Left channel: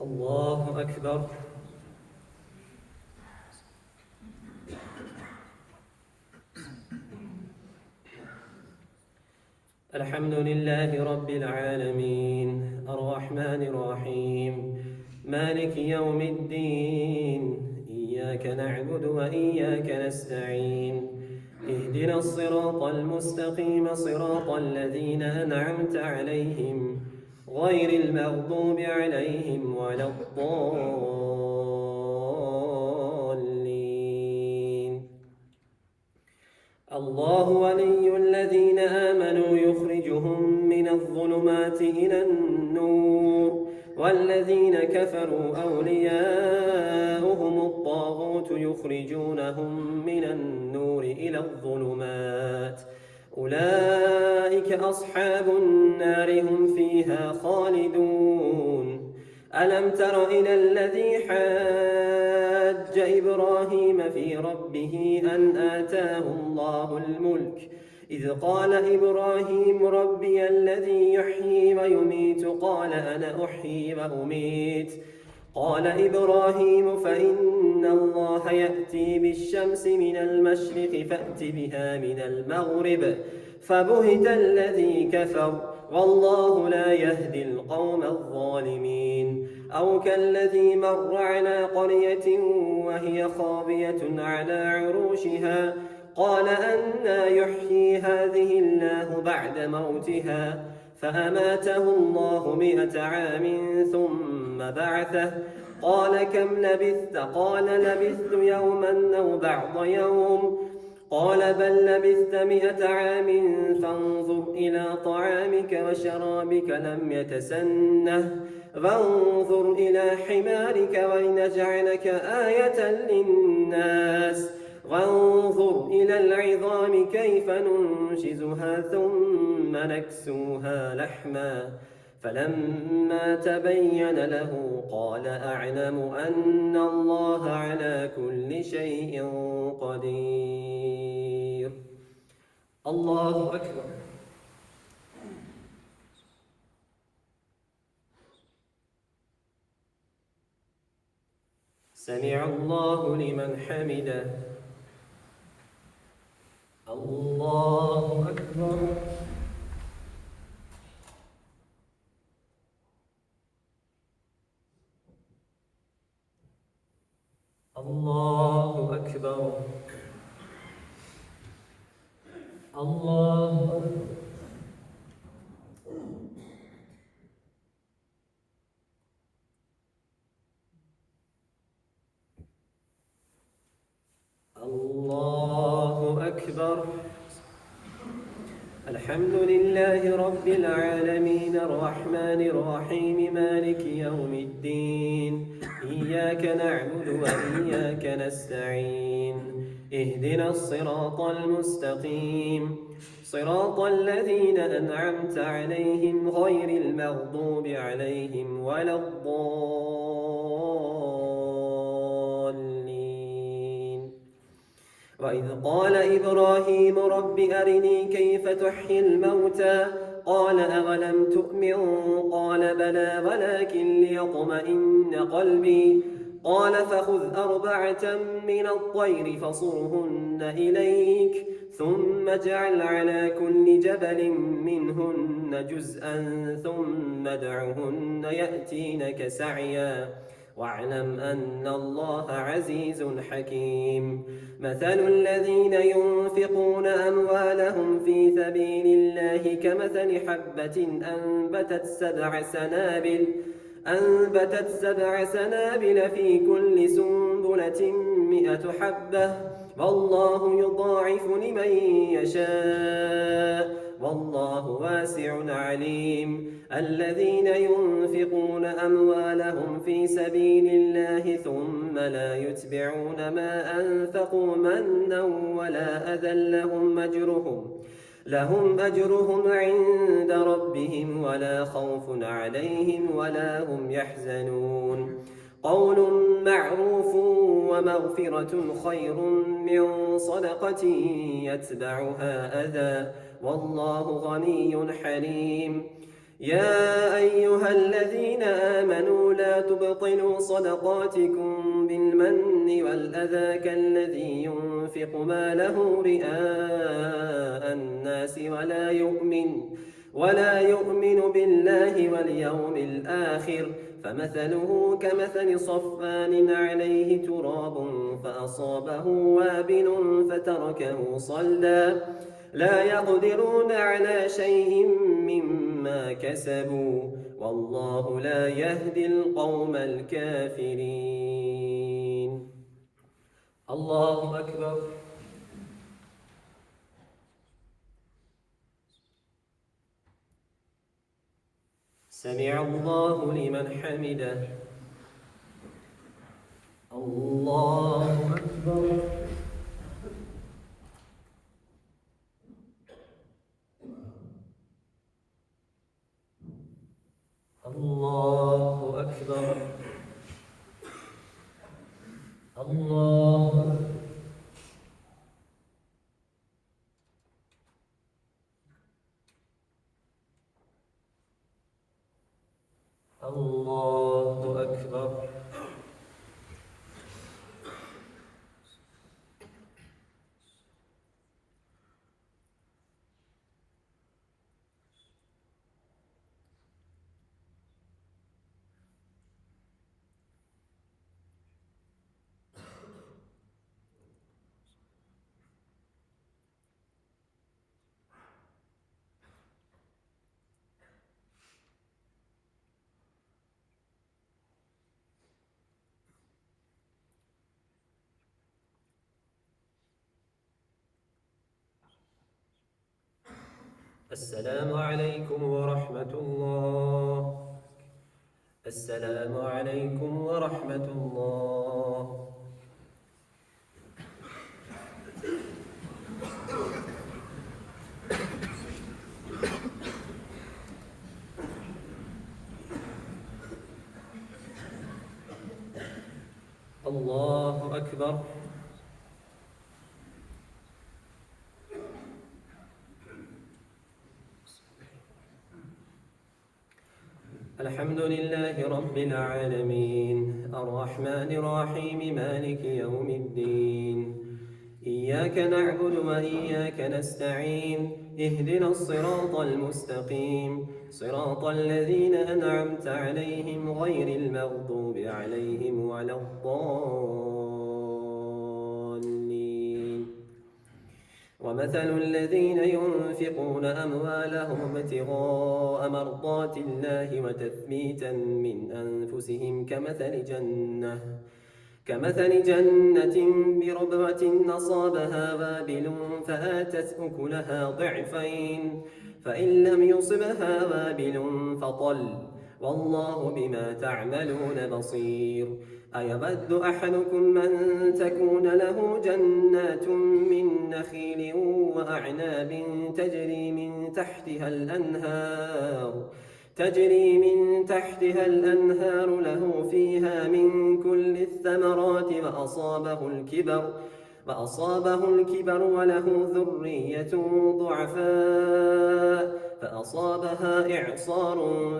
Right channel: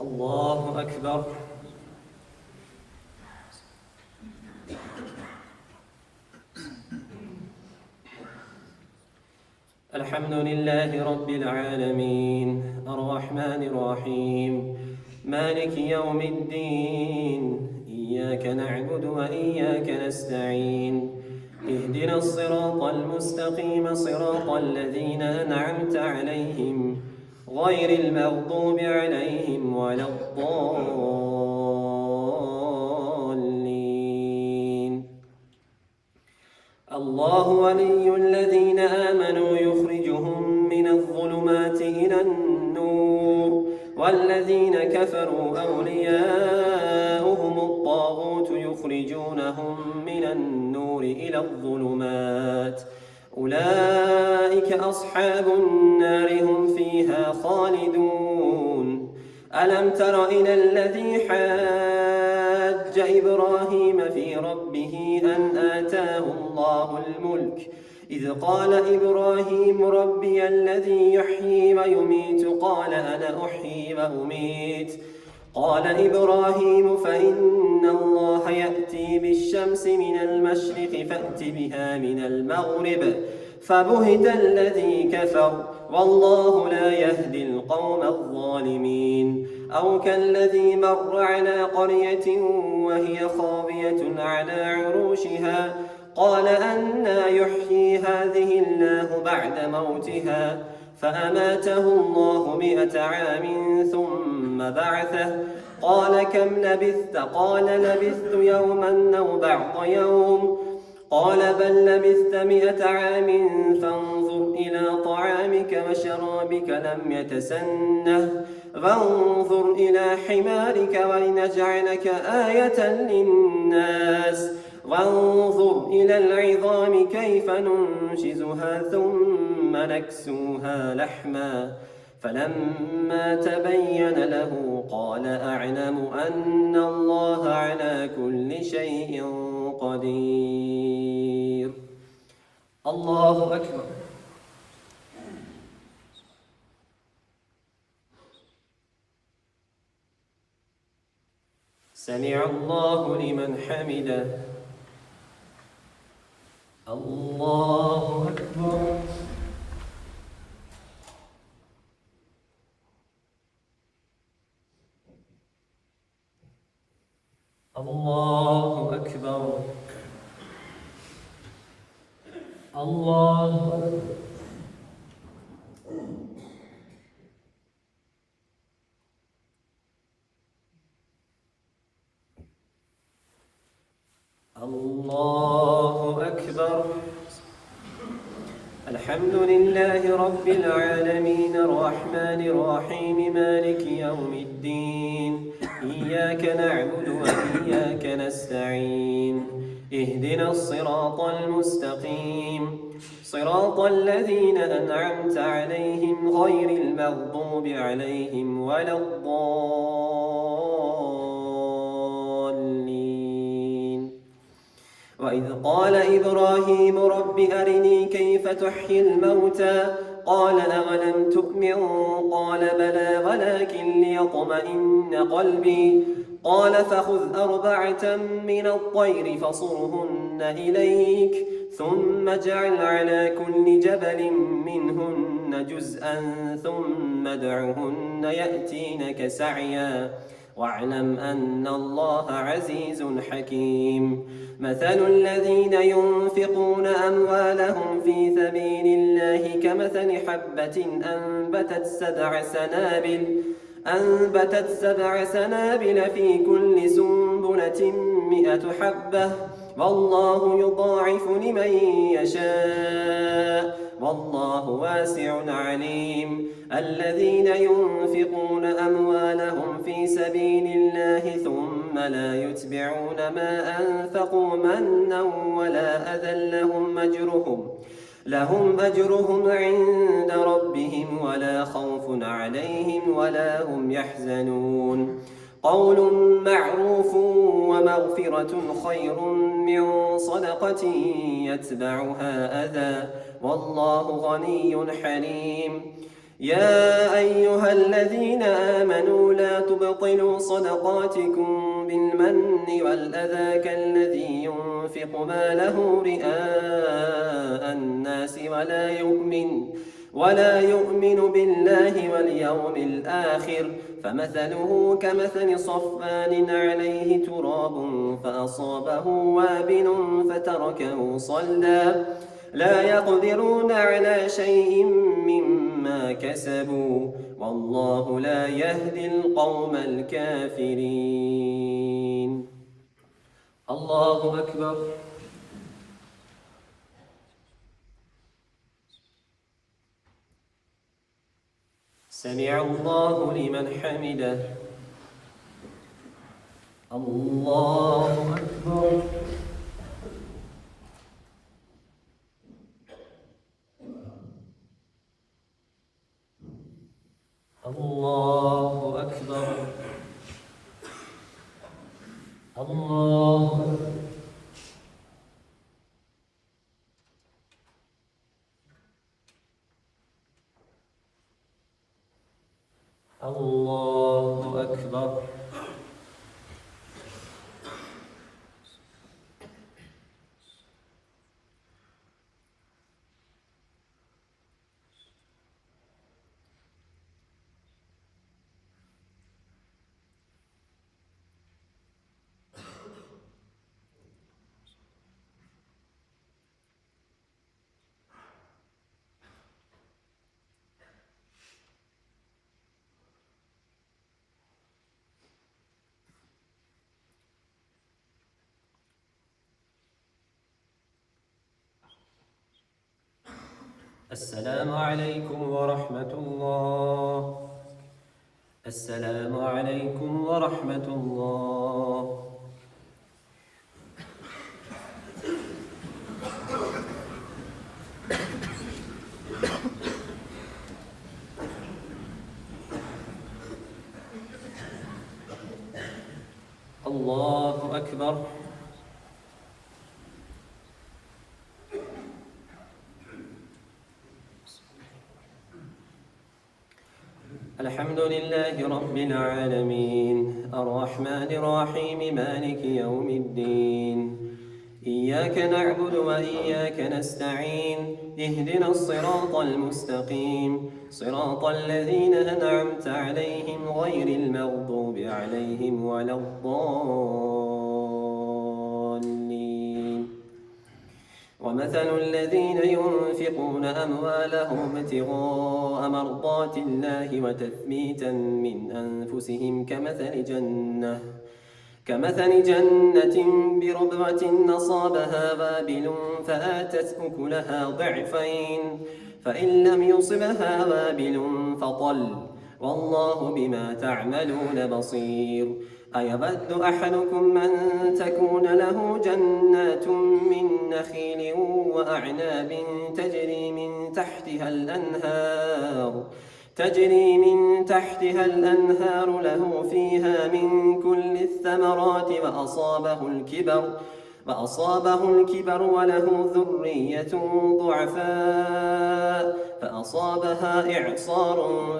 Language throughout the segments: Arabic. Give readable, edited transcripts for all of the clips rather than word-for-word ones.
الله أكبر. الحمد لله رب العالمين الرحمن الرحيم مالك يوم الدين إياك نعبد وإياك نستعين اهدنا الصراط المستقيم صراط الذين أنعمت عليهم غير المغضوب عليهم ولا الضالين. الله ولي الذين آمنوا يخرجهم من الظلمات إلى النور والذين كفروا أولياؤهم الطاغوت يخرجونهم من النور إلى الظلمات أولئك أصحاب النار هم فيها خالدون. ألم تر إلى الذي حاج إبراهيم في ربه أن آتاه الله الملك إذ قال إبراهيم ربي الذي يحيي ويميت قال أنا أحيي وأميت قال إبراهيم فإن الله يأتي بالشمس من المشرق فأت بها من المغرب فبهت الذي كفر والله لا يهدي القوم الظالمين. أو كالذي مر على قرية وهي خاوية على عروشها قال أنى يحيي هذه الله بعد موتها فأماته الله 100 عام ثم بعثه قال كم لبثت قال لبثت يوما أو بعض يوم قال بل لبثت 100 عام فانظر إلى طعامك وشرابك لم يتسنه وانظر إلى حمارك ولنجعلك آية للناس وانظر إلى العظام كيف ننشزها ثم نكسوها لحما فلما تبين له قال أعلم أن الله على كل شيء قدير. الله أكبر. سمع الله لمن حمده. الله أكبر. الله أكبر. الله أكبر. الله أكبر. الحمد لله رب العالمين الرحمن الرحيم مالك يوم الدين إياك نعبد وإياك نستعين اهدنا الصراط المستقيم صراط الذين أنعمت عليهم غير المغضوب عليهم ولا الضالين. وإذ قال إبراهيم رب أرني كيف تحيي الموتى قال أولم تؤمن قال بلى ولكن ليطمئن قلبي قال فخذ 4 من الطير فصرهن إليك ثم اجعل على كل جبل منهن جزءا ثم ادعهن يأتينك سعيا واعلم أن الله عزيز حكيم. مثل الذين ينفقون أموالهم في سبيل الله كمثل حبة أنبتت 7 سنابل في كل سنبلة 100 حبة والله يضاعف لمن يشاء والله واسع عليم. الذين ينفقون أموالهم في سبيل الله ثم لا يتبعون ما أنفقوا منا ولا أذى لهم أجرهم عند ربهم ولا خوف عليهم ولا هم يحزنون. قول معروف ومغفرة خير من صدقة يتبعها أذى والله غني حليم. يا أيها الذين آمنوا لا ولا تبطلوا صدقاتكم بالمن والأذى كالذي ينفق ماله رئاء الناس ولا يؤمن بالله واليوم الآخر فمثله كمثل صفان عليه تراب فأصابه وابل فتركه صلدا لا يقدرون على شيء مما كسبوا والله لا يهدي القوم الكافرين. الله أكبر. سمع الله لمن حمده. الله أكبر. الله أكبر. الله الله أكبر. السلام عليكم ورحمة الله. السلام عليكم ورحمة الله. الله أكبر. الحمد لله رب العالمين الرحمن الرحيم مالك يوم الدين إياك نعبد وإياك نستعين اهدنا الصراط المستقيم صراط الذين أنعمت عليهم غير المغضوب عليهم ولا الضالين. ومثل الذين ينفقون أموالهم ابتغاء مرضات الله وتثبيتا من أنفسهم كمثل جنة بربوة أصابها وابل فآتت أكلها ضعفين فإن لم يصبها وابل فطل والله بما تعملون بصير. أيود أحدكم أن تكون له جنات من نخيل وأعناب تجري من تحتها الأنهار له فيها من كل الثمرات وأصابه الكبر وله ذرية ضعفاء فأصابها إعصار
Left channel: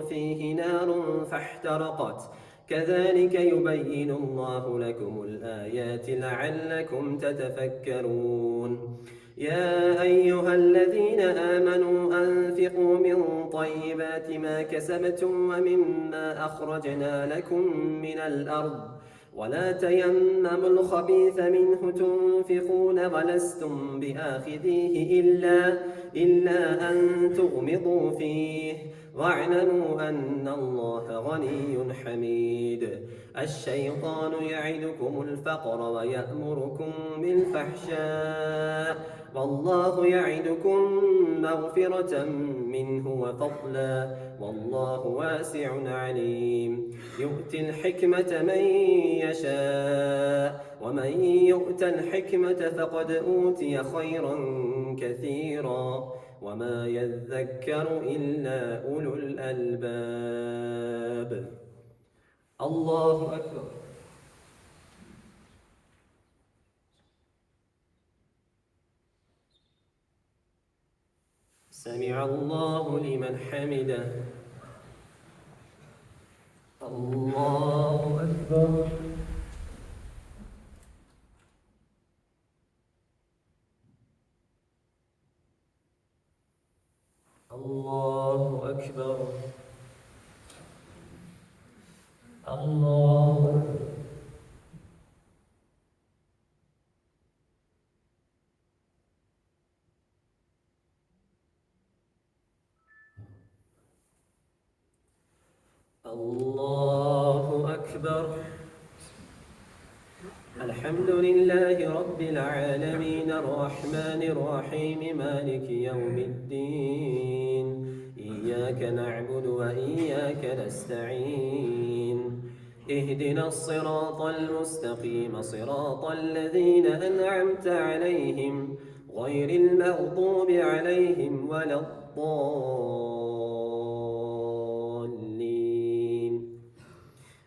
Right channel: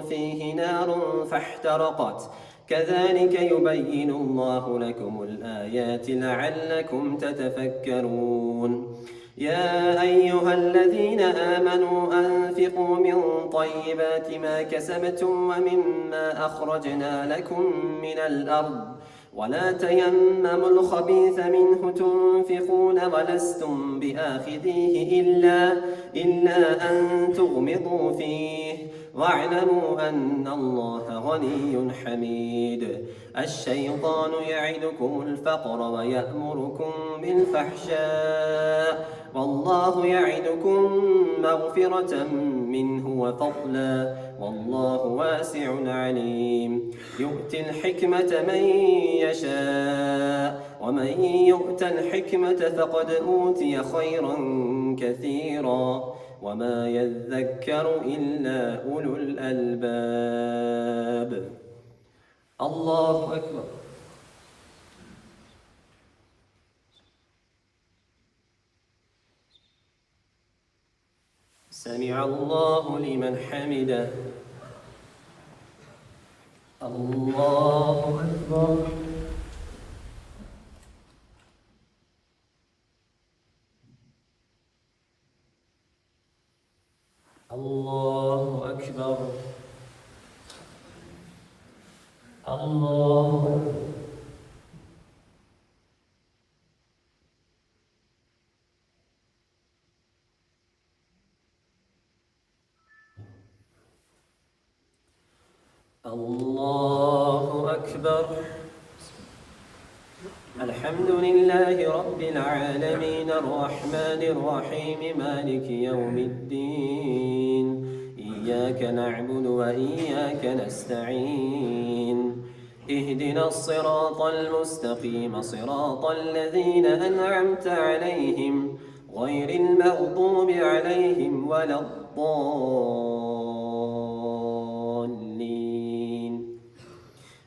فيه نار فاحترقت كذلك يبين الله لكم الآيات لعلكم تتفكرون. يا أيها الذين آمنوا أنفقوا من طيبات ما كسبتم ومما أخرجنا لكم من الأرض ولا تيمموا الخبيث منه تنفقون ولستم بآخذيه إلا أن تغمضوا فيه واعلموا أن الله غني حميد. الشيطان يعدكم الفقر ويأمركم بالفحشاء والله يعدكم مغفرة منه وفضلا والله واسع عليم. يؤتي الحكمة من يشاء ومن يؤت الحكمة فقد أوتي خيرا كثيرا وما يذكر إلا أولو الألباب. الله أكبر. سمع الله لمن حمده. الله الله أكبر. الله أكبر. الحمد لله رب العالمين الرحمن الرحيم مالك يوم الدين إياك نعبد وإياك نستعين اهدنا الصراط المستقيم صراط الذين أنعمت عليهم غير المغضوب عليهم ولا الضالين.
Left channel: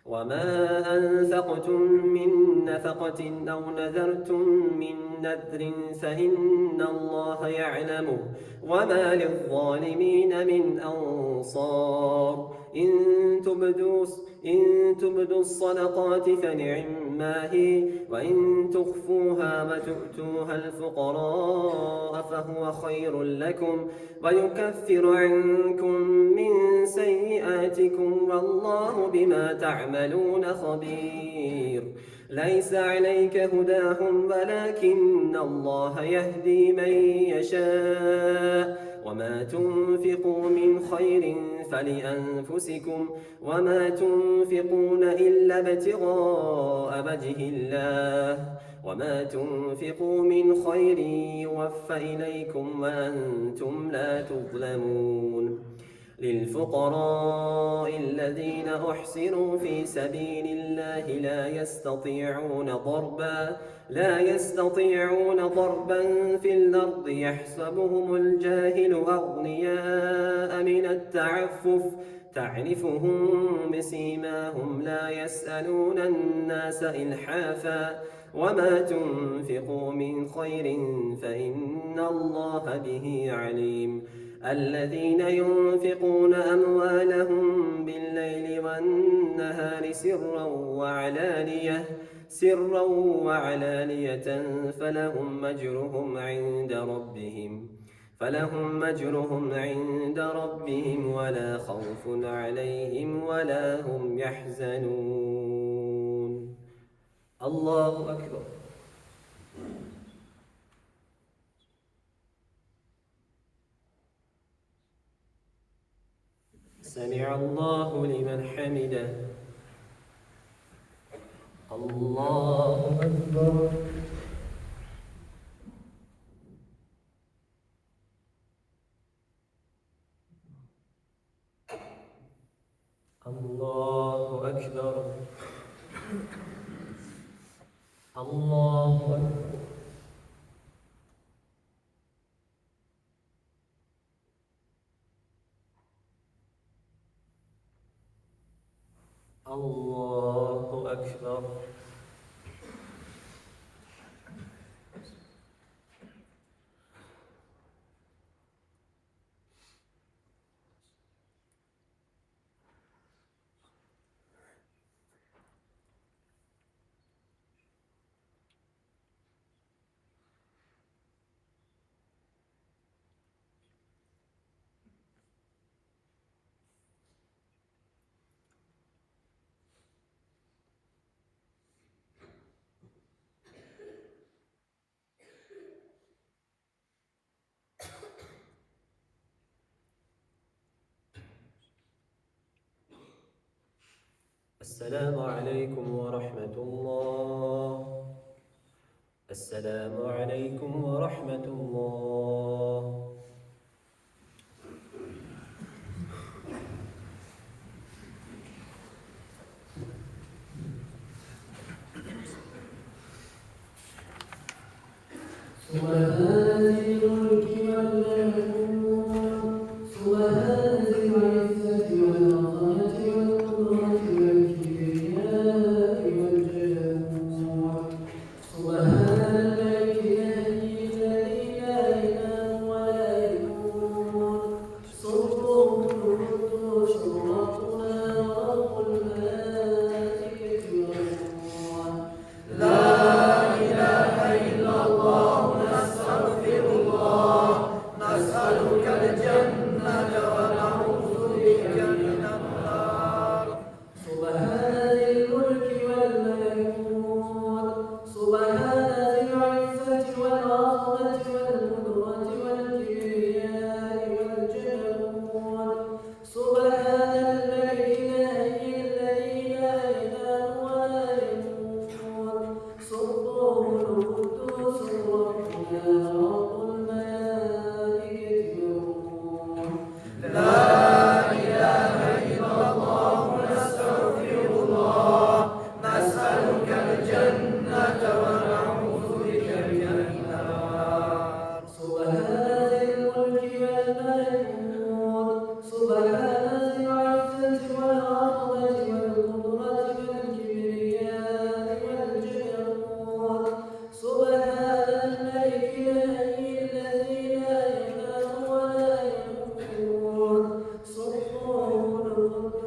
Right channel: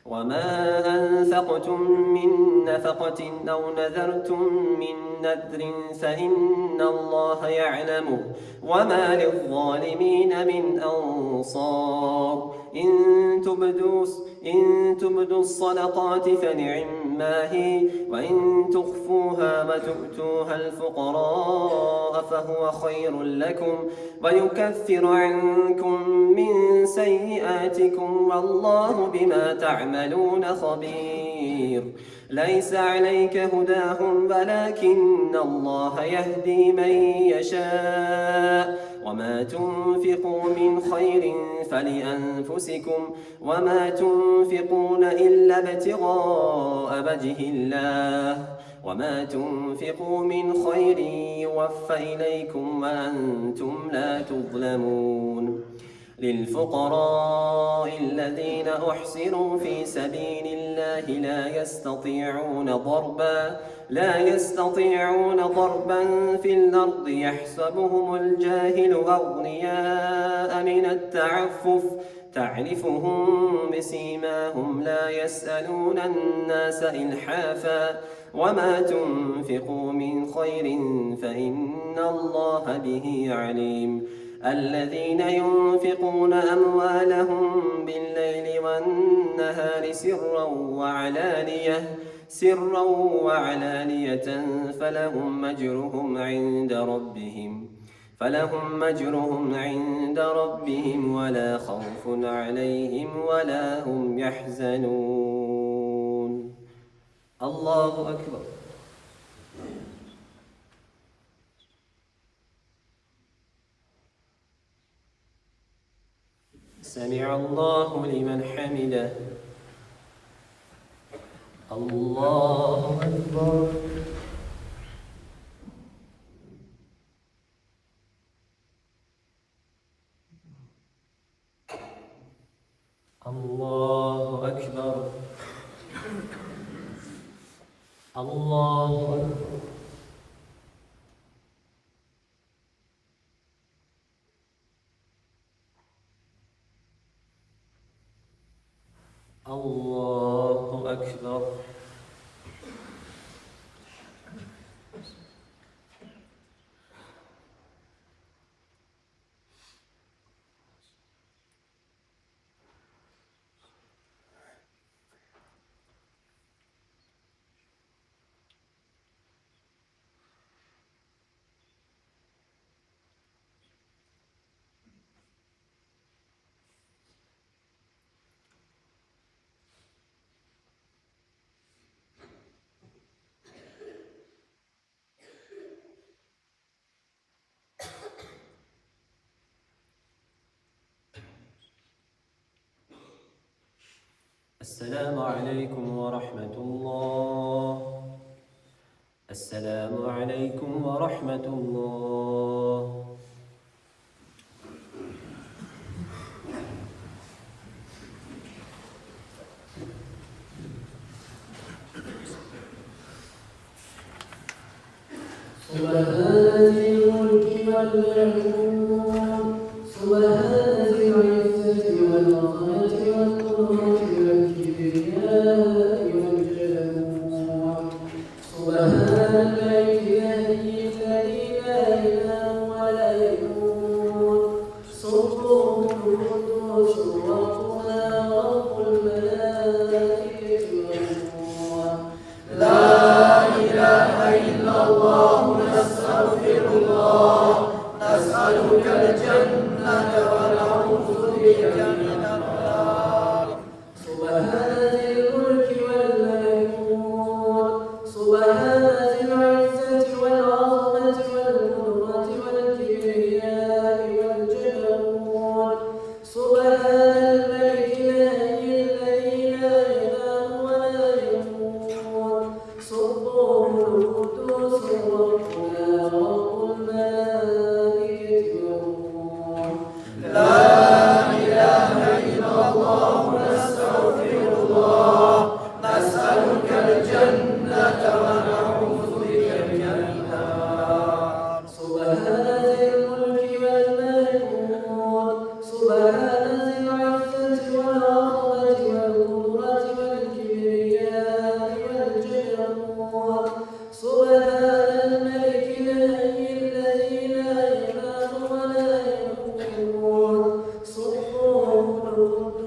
وما أنفقتم من نفقة أو نذرتم من نذر فإن الله يعلمه وما للظالمين من أنصار. إن تبدوا الصدقات فنعما هي وإن تخفوها وتؤتوها الفقراء فهو خير لكم ويكفر عنكم من سيئاتكم والله بما تعملون خبير. ليس عليك هداهم ولكن الله يهدي من يشاء وما تنفقوا من خير فلأنفسكم وما تنفقون إلا ابتغاء وجه الله وما تنفقوا من خير يوفى إليكم وأنتم لا تظلمون. للفقراء الذين أحسنوا في سبيل الله لا يستطيعون ضربا في الأرض يحسبهم الجاهل أغنياء من التعفف تعرفهم بسيماهم لا يسألون الناس إلحافا وما تنفقوا من خير فإن الله به عليم. الذين ينفقون أموالهم بالليل والنهار سرا وعلانية فلهم أجرهم عند ربهم ولا خوف عليهم ولا هم يحزنون. الله أكبر. سمع الله لمن حمده. الله أكبر. الله أكبر. الله أكبر. الله أكبر. السلام عليكم ورحمة الله. السلام عليكم ورحمة الله. سبحان ذي الملك والملكوت سبحان ذي العزة والعظمة والقدرة والكبرياء والجبروت سبحان الملك الذي لا إله ولا يموت سبحان القدوس ربنا ورب الملائكة والروح. لا إله إلا الله نستغفر الله نسأله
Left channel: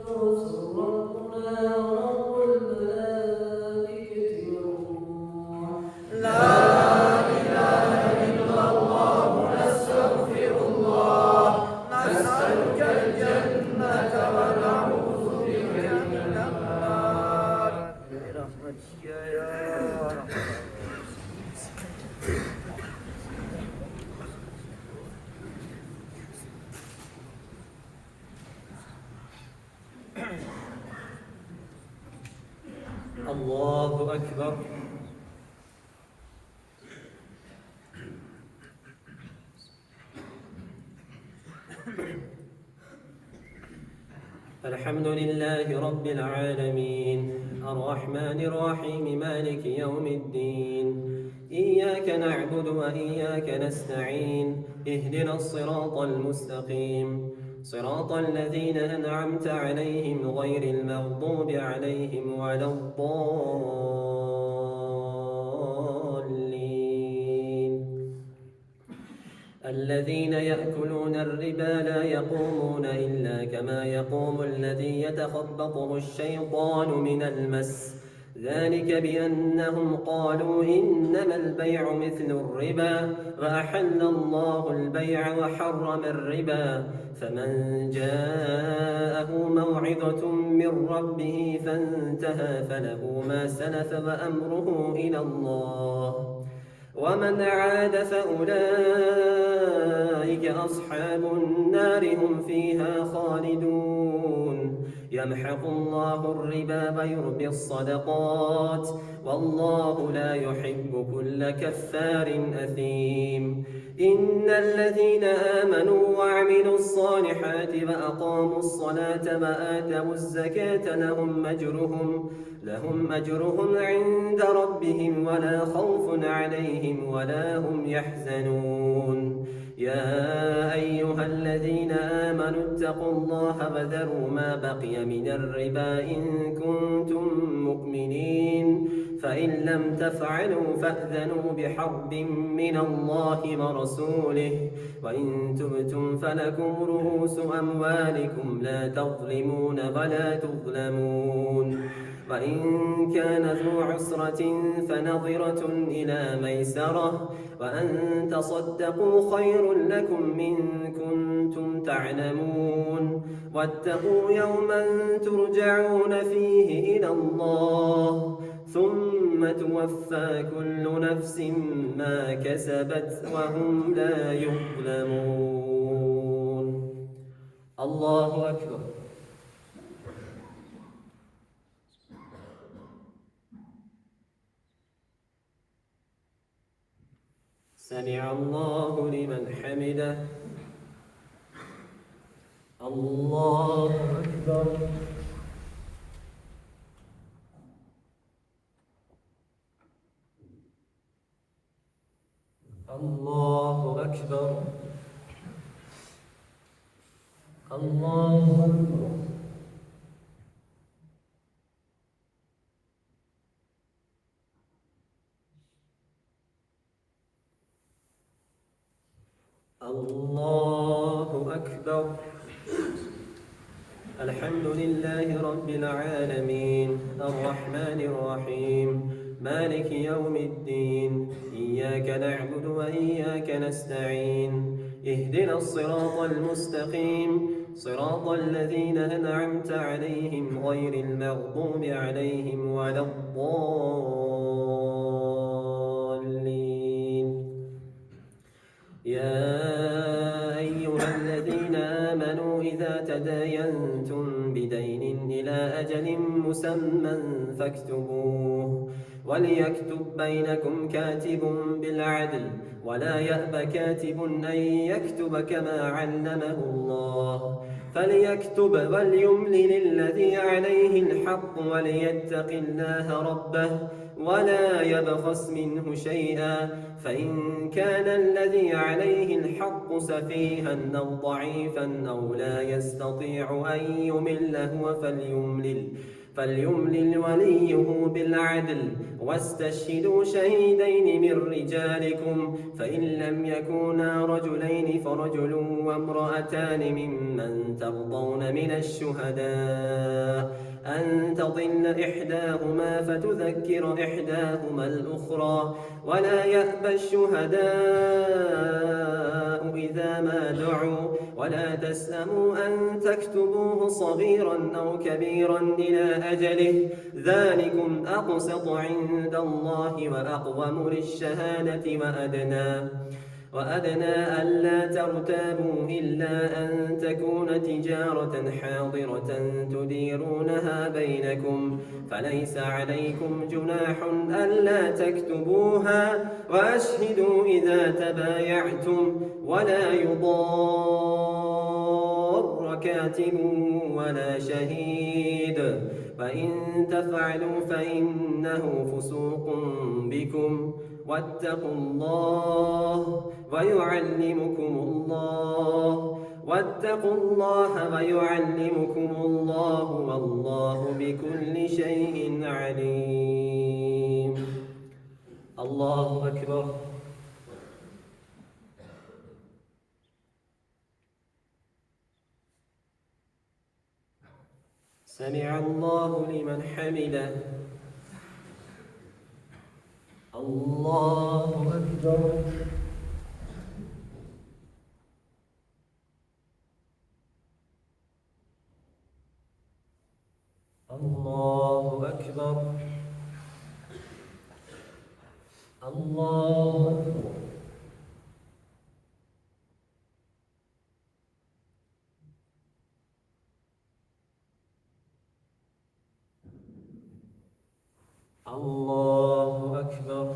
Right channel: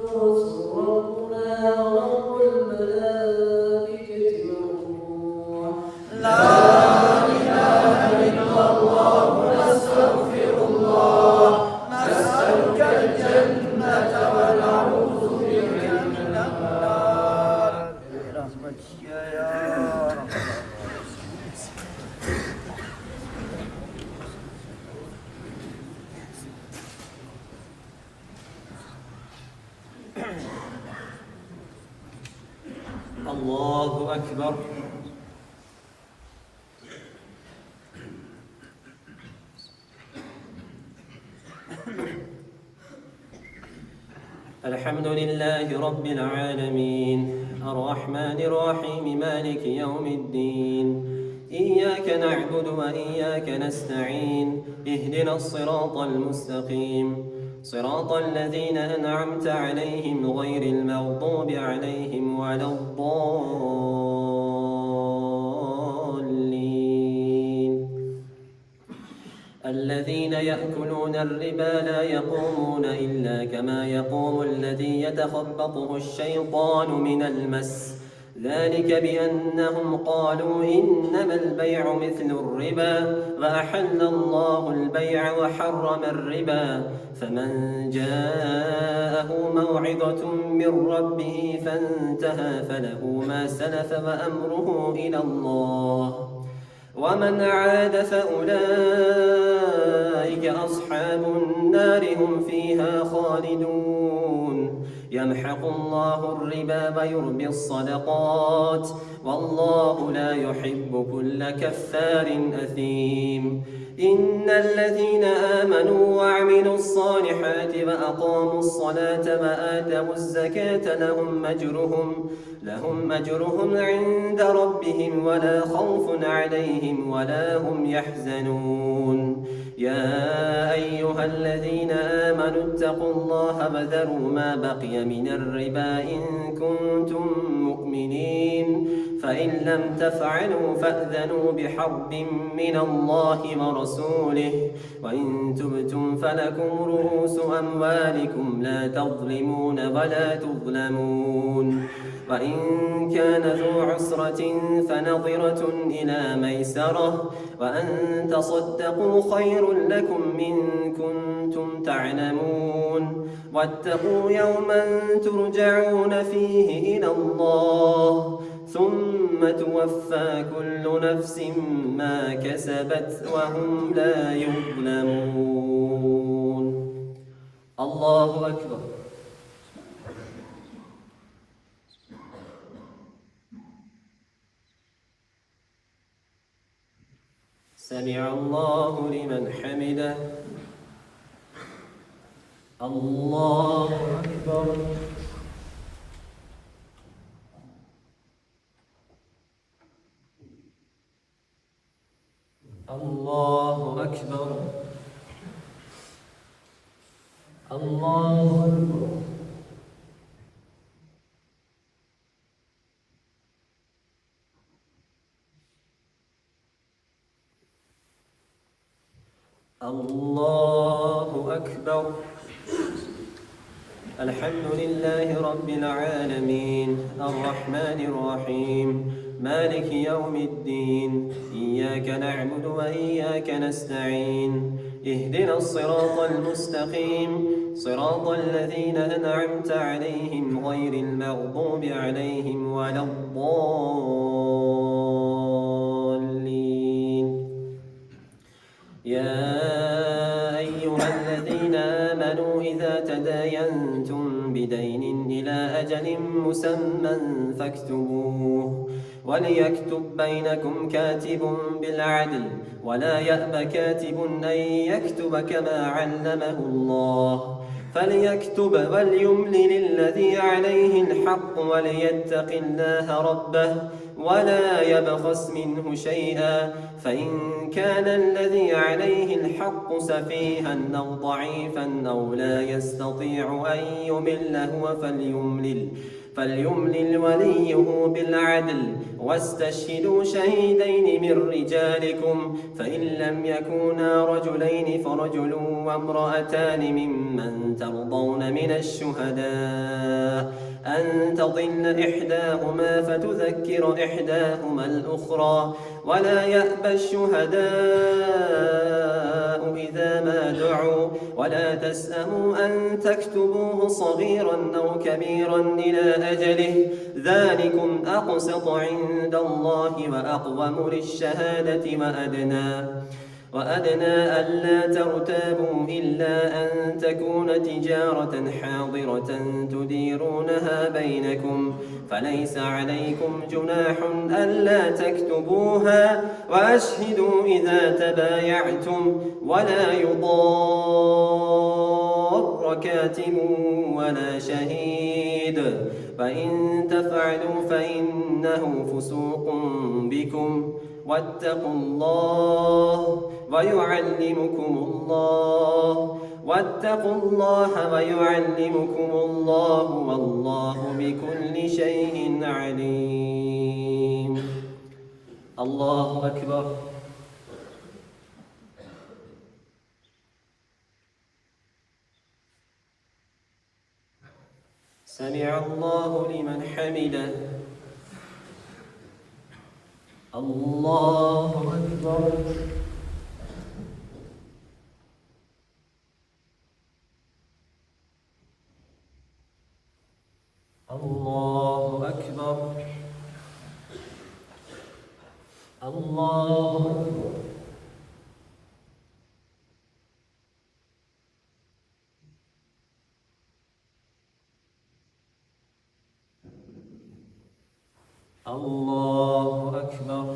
الرسل ربنا ورب الملائكة والروح لا إله إلا الله نستغفر الله نسألك الجنة ونعوذ بك من النار برحمتك يا رب. الله أكبر. الحمد لله رب العالمين الرحمن الرحيم مالك يوم الدين إياك نعبد وإياك نستعين اهدنا الصراط المستقيم صراط الذين أنعمت عليهم غير المغضوب عليهم ولا الضالين الذين يأكلون الربا لا يقومون إلا كما يقوم الذي يتخبطه الشيطان من المس ذلك بأنهم قالوا إنما البيع مثل الربا وأحل الله البيع وحرم الربا فمن جاءه موعظة من ربه فانتهى فله ما سلف وأمره إلى الله ومن عاد فأولئك أصحاب النار هم فيها خالدون يمحق الله الربا ويربي الصدقات والله لا يحب كل كفار أثيم إن الذين آمنوا وعملوا الصالحات وأقاموا الصلاة وآتوا الزكاة لهم أجرهم عند ربهم ولا خوف عليهم ولا هم يحزنون يا أيها الذين آمنوا اتقوا الله وذروا ما بقي من الربا إن كنتم مؤمنين فإن لم تفعلوا فأذنوا بحرب من الله ورسوله وإن تبتم فلكم رؤوس أموالكم لا تظلمون ولا تظلمون وإن كان ذو عسرة فنظرة إلى ميسرة وأن تصدقوا خير لكم إن كنتم تعلمون واتقوا يوما ترجعون فيه إلى الله ثم توفى كل نفس ما كسبت وهم لا يظلمون. الله أكبر. سمع الله لمن حمده. الله أكبر. الله أكبر. الله أكبر. الله أكبر. الحمد لله رب العالمين الرحمن الرحيم مالك يوم الدين إياك نعبد وإياك نستعين اهدنا الصراط المستقيم صراط الذين أنعمت عليهم غير المغضوب عليهم ولا الضالين يا أيها الذين آمنوا إذا تداينتم بدين إلى أجل مسمى فاكتبوه وليكتب بينكم كاتب بالعدل ولا يأب كاتب أن يكتب كما علمه الله فليكتب وليملل الذي عليه الحق وليتق الله ربه ولا يبخس منه شيئا فإن كان الذي عليه الحق سفيها أو ضعيفا أو لا يستطيع أن يمل هو فليملل وليه بالعدل واستشهدوا شهيدين من رجالكم فإن لم يكونا رجلين فرجل وامرأتان ممن ترضون من الشهداء أن تضل إحداهما فتذكر إحداهما الأخرى ولا يأبى الشهداء إذا ما دعوا ولا تسأموا أن تكتبوه صغيرا أو كبيرا إلى أجله ذلكم أقسط عند الله وأقوم للشهادة وأدنى ألا ترتابوا إلا أن تكون تجارة حاضرة تديرونها بينكم فليس عليكم جناح ألا تكتبوها وأشهدوا إذا تبايعتم ولا يضار كاتب ولا شهيد فإن تفعلوا فإنه فسوق بكم واتقوا الله ويعلمكم الله والله بكل شيء عليم. الله أكبر. سمع الله لمن حمده. الله أكبر. الله أكبر. الله أكبر. الله أكبر.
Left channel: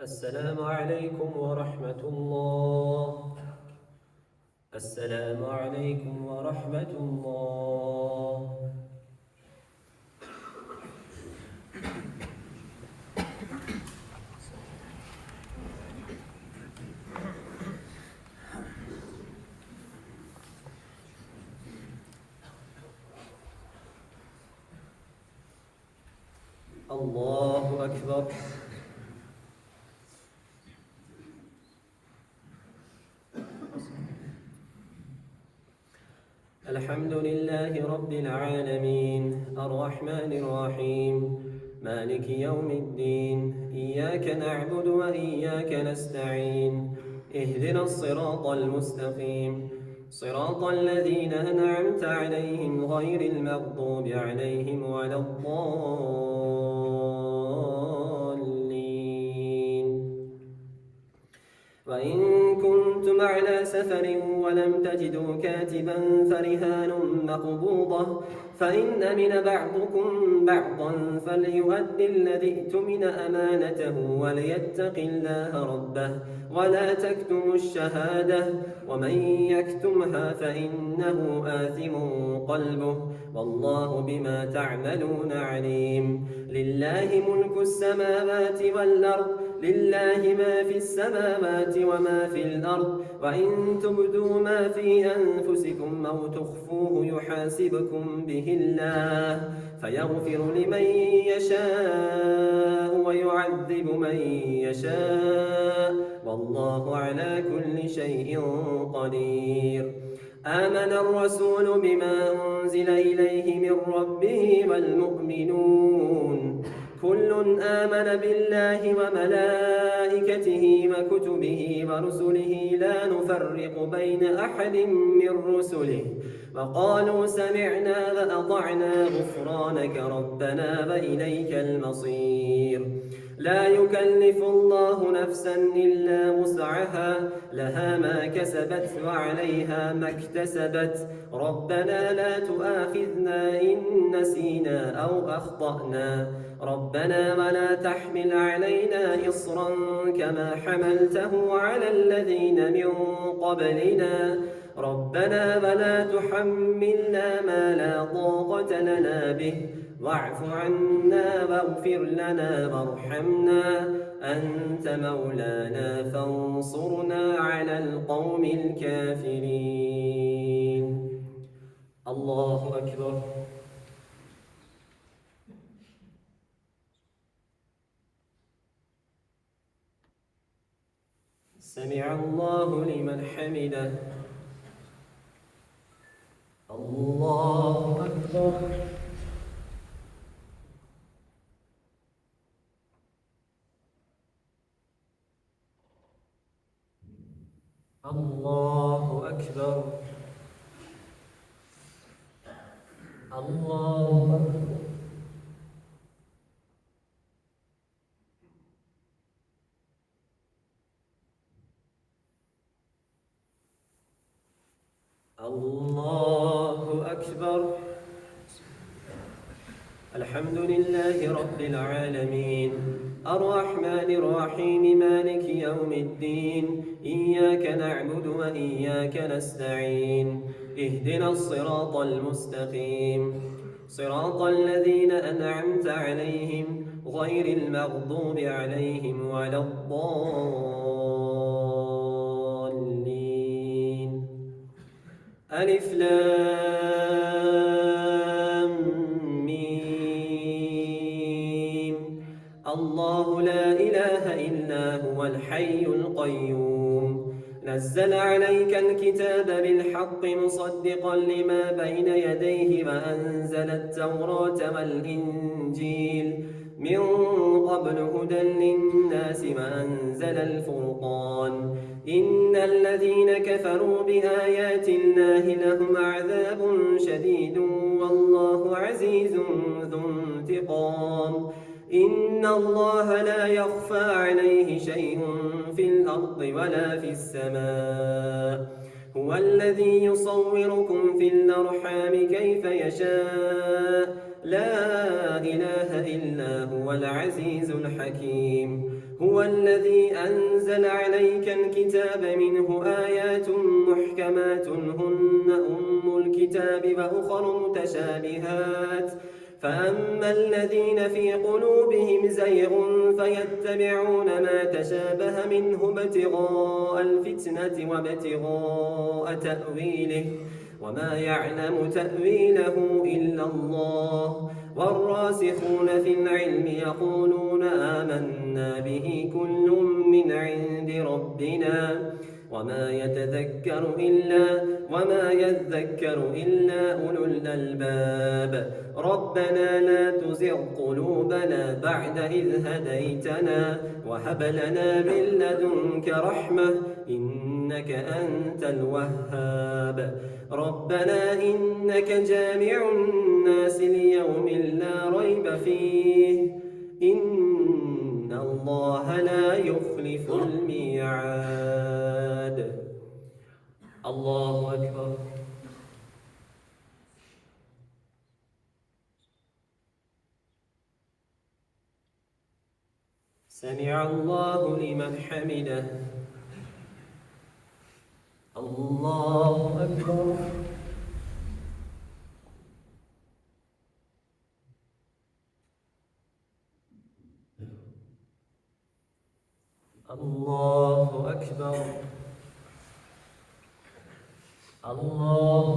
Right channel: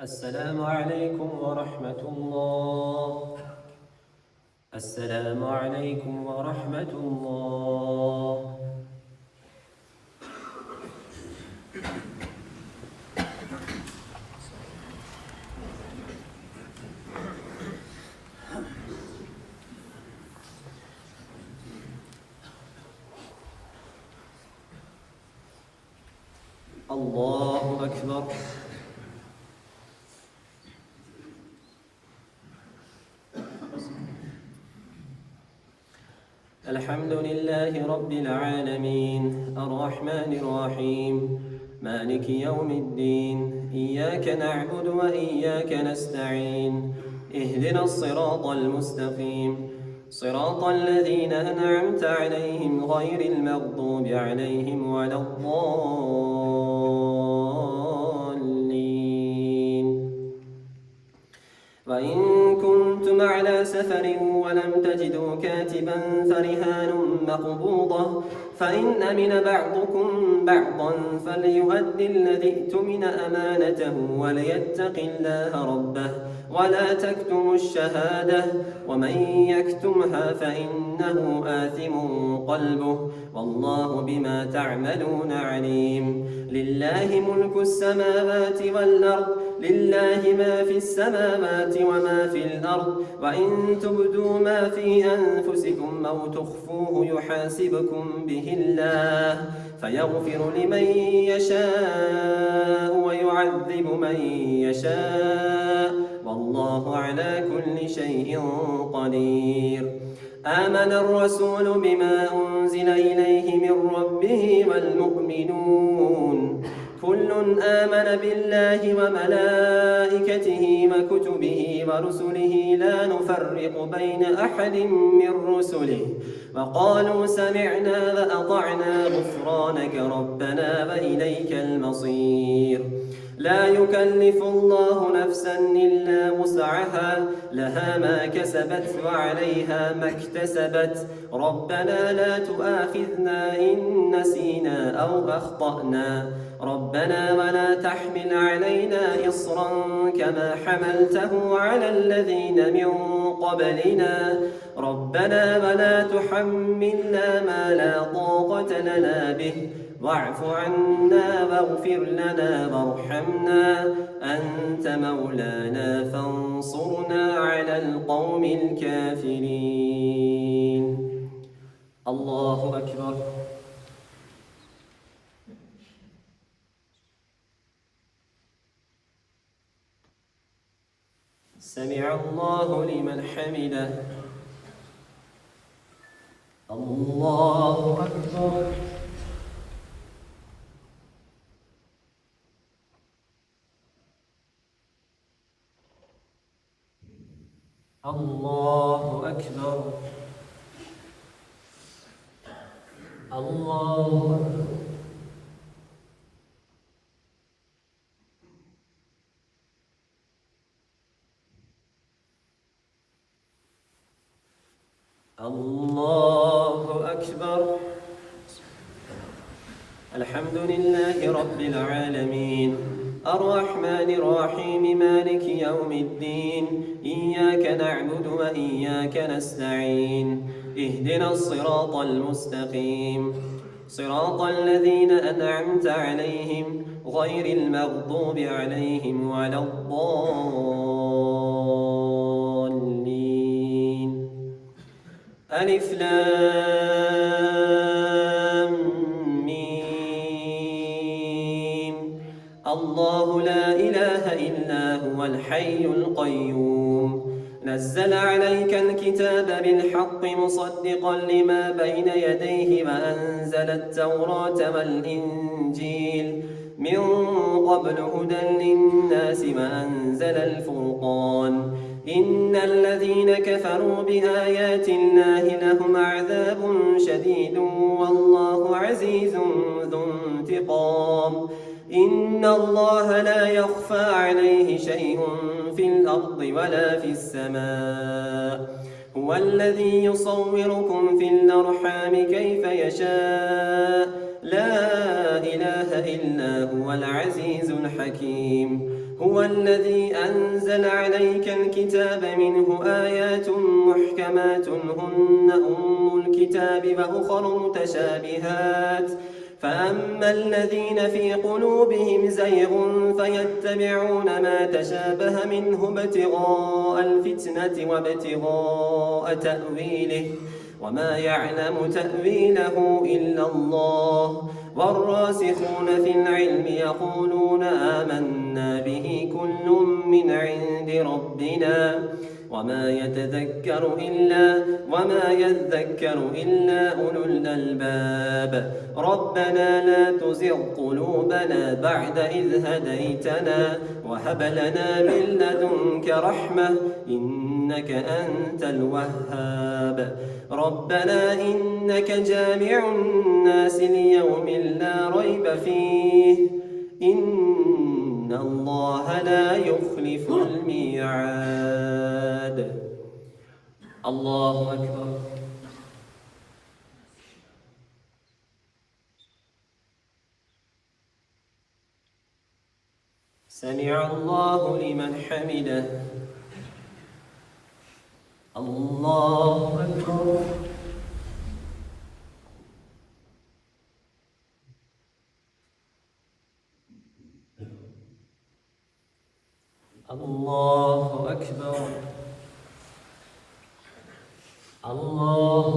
السلام عليكم ورحمة الله. السلام عليكم ورحمة الله. الله أكبر. الحمد لله رب العالمين الرحمن الرحيم مالك يوم الدين إياك نعبد وإياك نستعين اهدنا الصراط المستقيم صراط الذين أنعمت عليهم غير المغضوب عليهم ولا الضالين. وإن كنتم على سفر ولم تجدوا كاتبا فرهان مقبوضة فإن أمن بعضكم بعضا فليؤدي الذي ائتمن أمانته وليتق الله ربه ولا تكتموا الشهادة ومن يكتمها فإنه آثم قلبه والله بما تعملون عليم. لله ملك السماوات والأرض لله ما في السماوات وما في الأرض وإن تبدوا ما في أنفسكم أو تخفوه يحاسبكم به الله فيغفر لمن يشاء ويعذب من يشاء والله على كل شيء قدير. آمن الرسول بما أنزل إليه من ربه والمؤمنون كل آمن بالله وملائكته وكتبه ورسله لا نفرق بين أحد من رسله وقالوا سمعنا وأطعنا غفرانك ربنا وإليك المصير. لا يكلف الله نفسا إلا وسعها لها ما كسبت وعليها ما اكتسبت ربنا لا تؤاخذنا إن نسينا أو أخطأنا ربنا ولا تحمل علينا إصرا كما حملته على الذين من قبلنا ربنا ولا تحملنا ما لا طاقة لنا به واعف عنا واغفر لنا وارحمنا أنت مولانا فانصرنا على القوم الكافرين. الله أكبر. سمع الله لمن حمده. الله أكبر. الله أكبر. الله أكبر. الله أكبر. الحمد لله رب العالمين الرحمن الرحيم مالك يوم الدين إياك نعبد وإياك نستعين اهدنا الصراط المستقيم صراط الذين أنعمت عليهم غير المغضوب عليهم ولا الضالين. ألف لام ميم. الله لا إله إلا هو الحي القيوم نزل عليك الكتاب بالحق مصدقا لما بين يديه وأنزل التوراة والإنجيل من قبل هدى للناس وأنزل الفرقان إن الذين كفروا بآيات الله لهم عذاب شديد والله عزيز ذو انتقام إن الله لا يخفى عليه شيء في الأرض ولا في السماء هو الذي يصوركم في الأرحام كيف يشاء لا إله إلا هو العزيز الحكيم هو الذي أنزل عليك الكتاب منه آيات محكمات هن أم الكتاب وأخر متشابهات فأما الذين في قلوبهم زيغ فيتبعون ما تشابه منه ابتغاء الفتنة وابتغاء تأويله وما يعلم تأويله إلا الله والراسخون في العلم يقولون آمنا به كل من عند ربنا وما يذكر إلا أولو الألباب ربنا لا تزغ قلوبنا بعد إذ هديتنا وهب لنا من لدنك رحمة إنك أنت الوهاب ربنا إنك جامع الناس ليوم لا ريب فيه إن الله لا يخلف الميعاد. الله أكبر. سمع الله لمن حمده. الله أكبر. الله أكبر. الله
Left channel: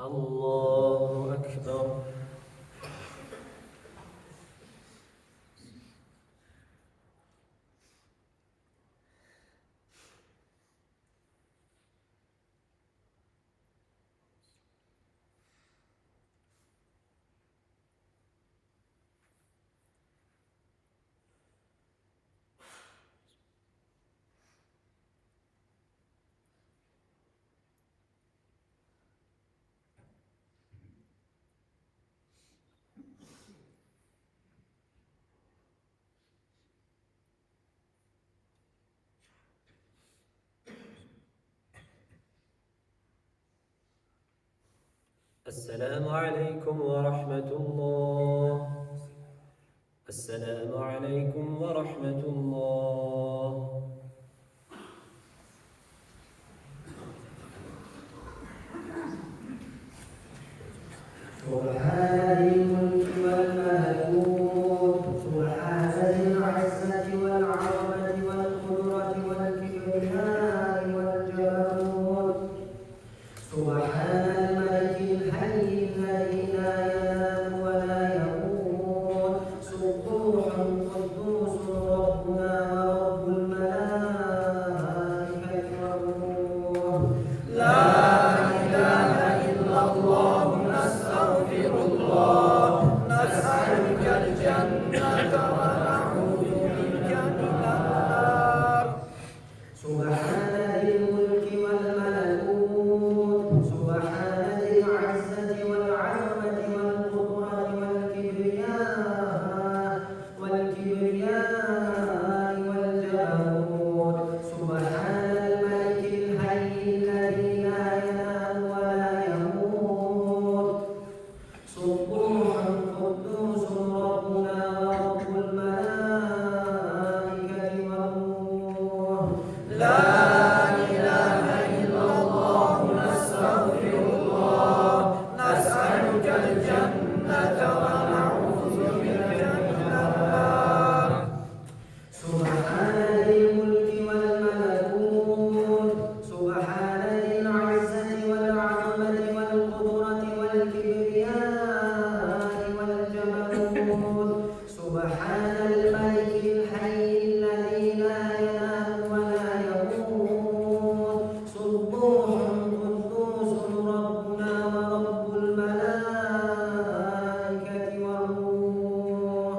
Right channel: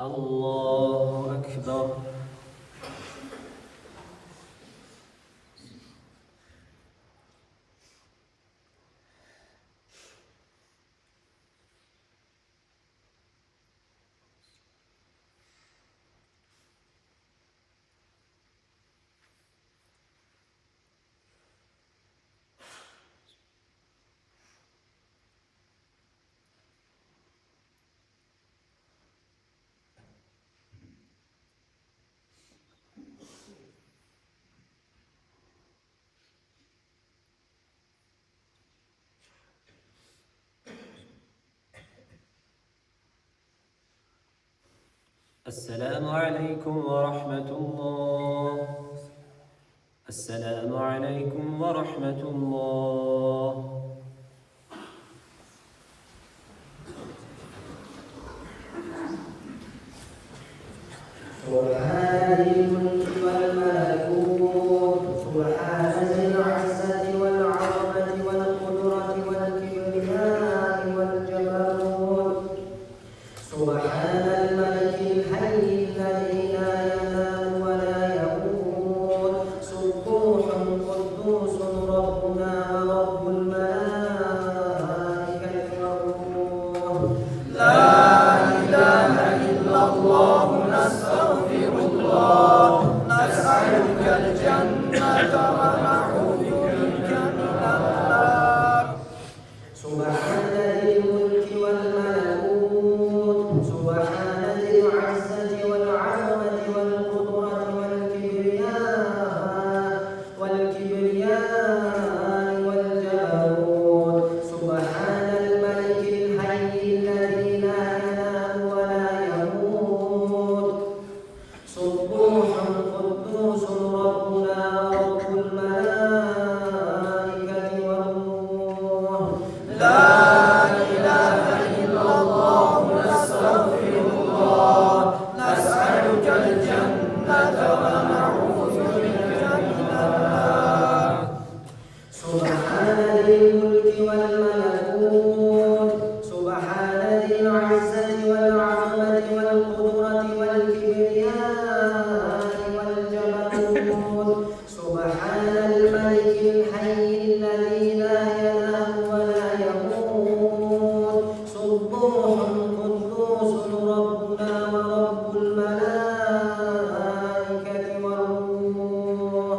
الله أكبر. السلام عليكم ورحمة الله. السلام عليكم ورحمة الله. سبحان ذي الملك والملكوت سبحان ذي العزة والعظمة والقدرة والكبرياء والجبروت سبحان الملك الحي الذي لا ينام ولا يموت سبوح قدوس ربنا رب الملائكة والروح لا إله إلا الله نستغفر الله نسألك الجنة ونعوذ بك من النار سبحان ذي الملك والملكوت سبحان ذي العزة والعظمة والقدرة والكبرياء والجبروت سبحان الملك الحي الذي لا ينام ولا يموت سبوح قدوس ربنا رب الملائكة والروح لا إله إلا الله نستغفر الله نسألك الجنة ونعوذ بك من النار سبحان ذي الملك والملكوت سبحان ذي العزة والعظمة والقدرة والكبرياء والجبروت سبحان الملك الحي الذي لا ينام ولا يموت سبوح قدوس ربنا ورب الملائكة والروح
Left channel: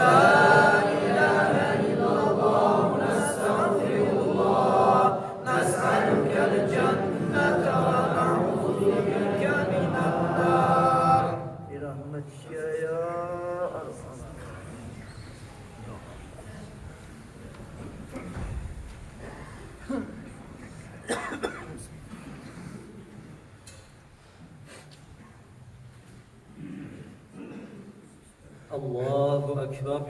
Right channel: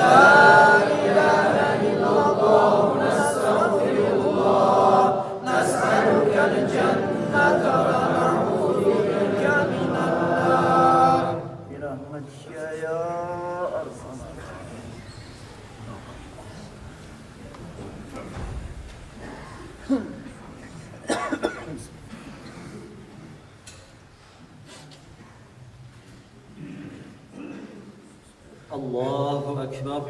لا إله إلا الله نستغفر الله نسألك الجنة ونعوذ بك من النار برحمتك يا أرحم الله أكبر.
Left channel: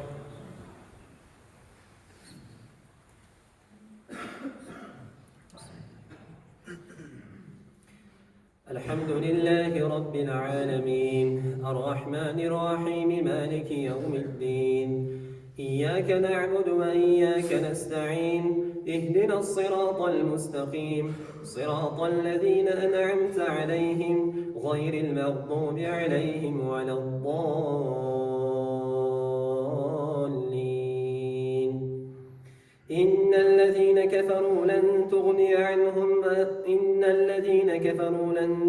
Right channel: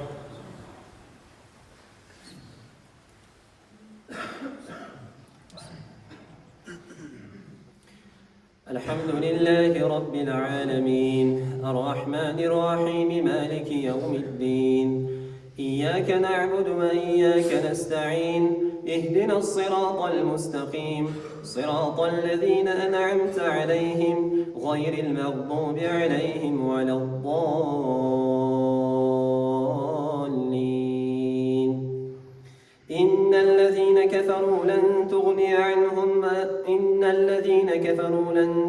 الحمد لله رب العالمين الرحمن الرحيم مالك يوم الدين إياك نعبد وإياك نستعين اهدنا الصراط المستقيم صراط الذين أنعمت عليهم غير المغضوب عليهم ولا الضالين. إن الذين كفروا لن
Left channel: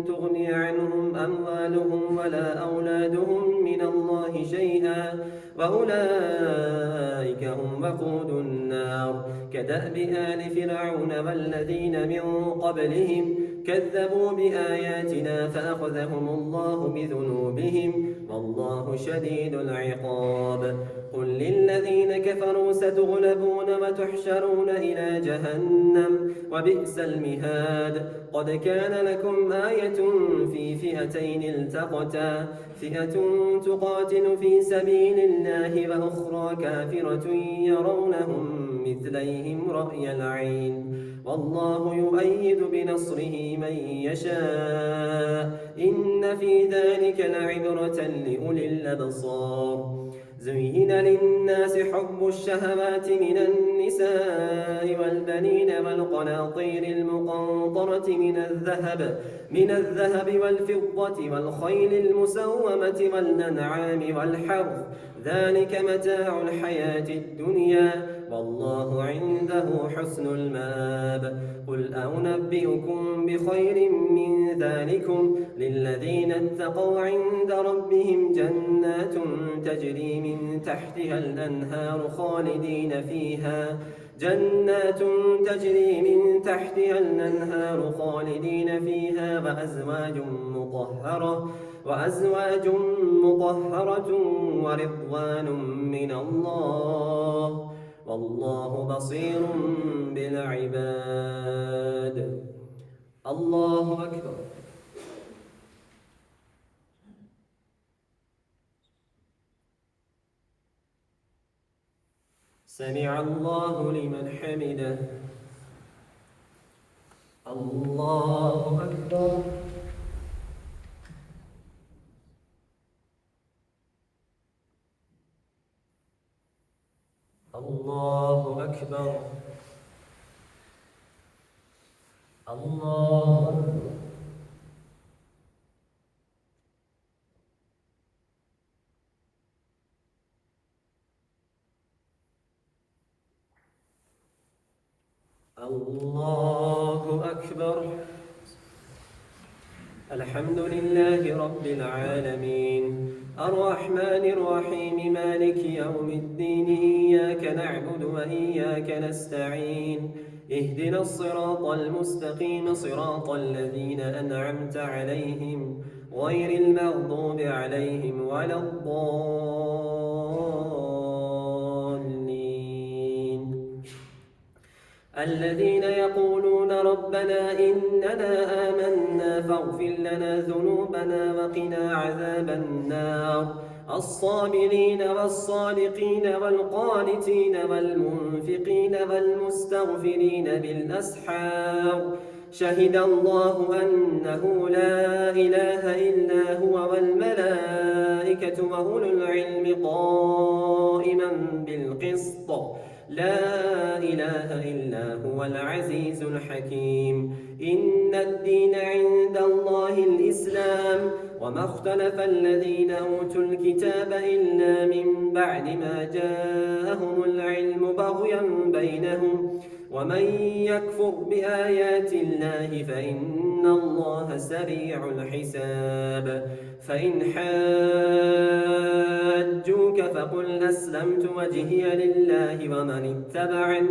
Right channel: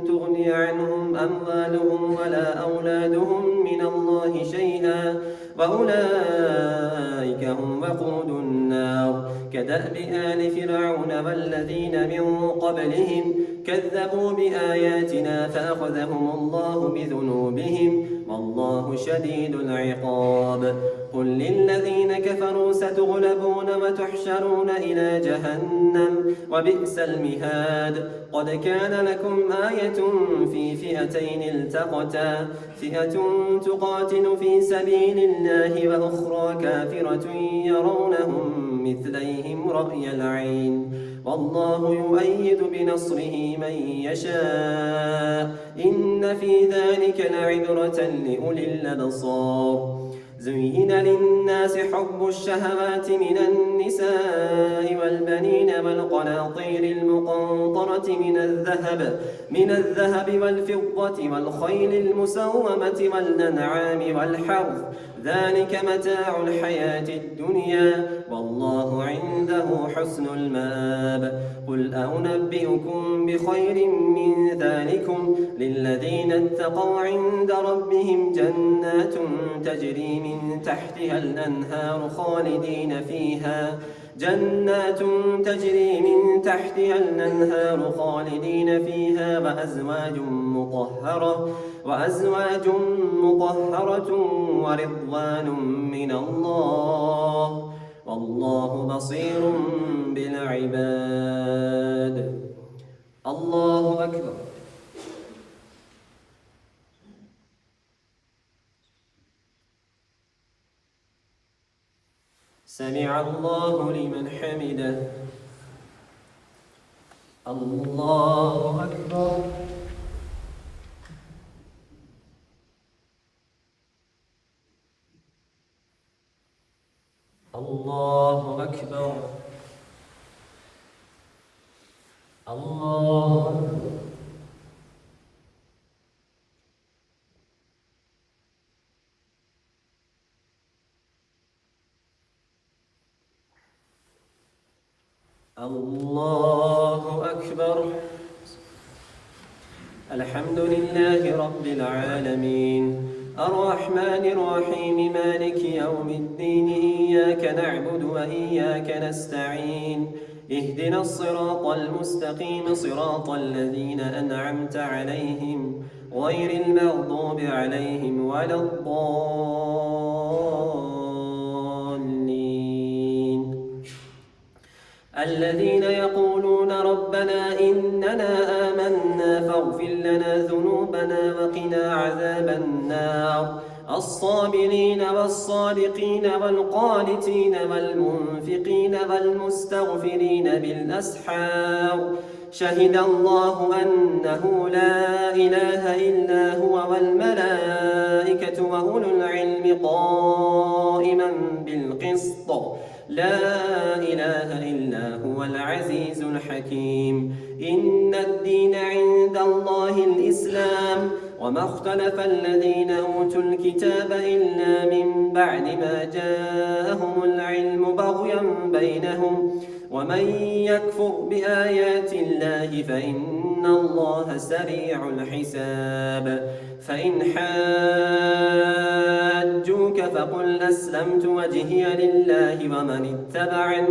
تغني عنهم أموالهم ولا أولادهم من الله شيئا وأولئك هم وقود النار كدأب آل فرعون والذين من قبلهم كذبوا بآياتنا فأخذهم الله بذنوبهم والله شديد العقاب. قل للذين كفروا ستغلبون وتحشرون إلى جهنم وبئس المهاد. قد كان لكم آية في فئتين التقتا فئة تقاتل في سبيل الله وأخرى كافرة يرونهم مثليهم رأي العين والله يؤيد بنصره من يشاء إن في ذلك لعبرة لأولي الأبصار. زين للناس حب الشهوات من النساء والبنين والقناطير المقنطرة من الذهب والفضة والخيل المسومة والأنعام والحرث ذلك متاع الحياة الدنيا والله عنده حسن المآب. قل أنبئكم بخير من ذلكم للذين اتقوا عند ربهم جنات تجري من تحتها الأنهار خالدين فيها وأزواج مطهرة ورضوان من الله والله بصير بالعباد. الله أكبر. سمع الله لمن حمده. الله أكبر. الله أكبر. الله أكبر. الله أكبر. الحمد لله رب العالمين الرحمن الرحيم مالك يوم الدين إياك نعبد وإياك نستعين اهدنا الصراط المستقيم صراط الذين أنعمت عليهم غير المغضوب عليهم ولا الضالين الذين يقولون ربنا إننا آمنا فاغفر لنا ذنوبنا وقنا عذاب النار الصابرين والصادقين والقانتين والمنفقين والمستغفرين بالأسحار شهد الله أنه لا إله إلا هو والملائكة وأولو العلم قائما بالقسط لا إله إلا هو العزيز الحكيم إن الدين عند الله الإسلام وما اختلف الذين أوتوا الكتاب إلا من بعد ما جاءهم العلم بغيا بينهم ومن يكفر بآيات الله فإن الله سريع الحساب فإن حاجوك فقل أسلمت وجهي لله ومن اتبعني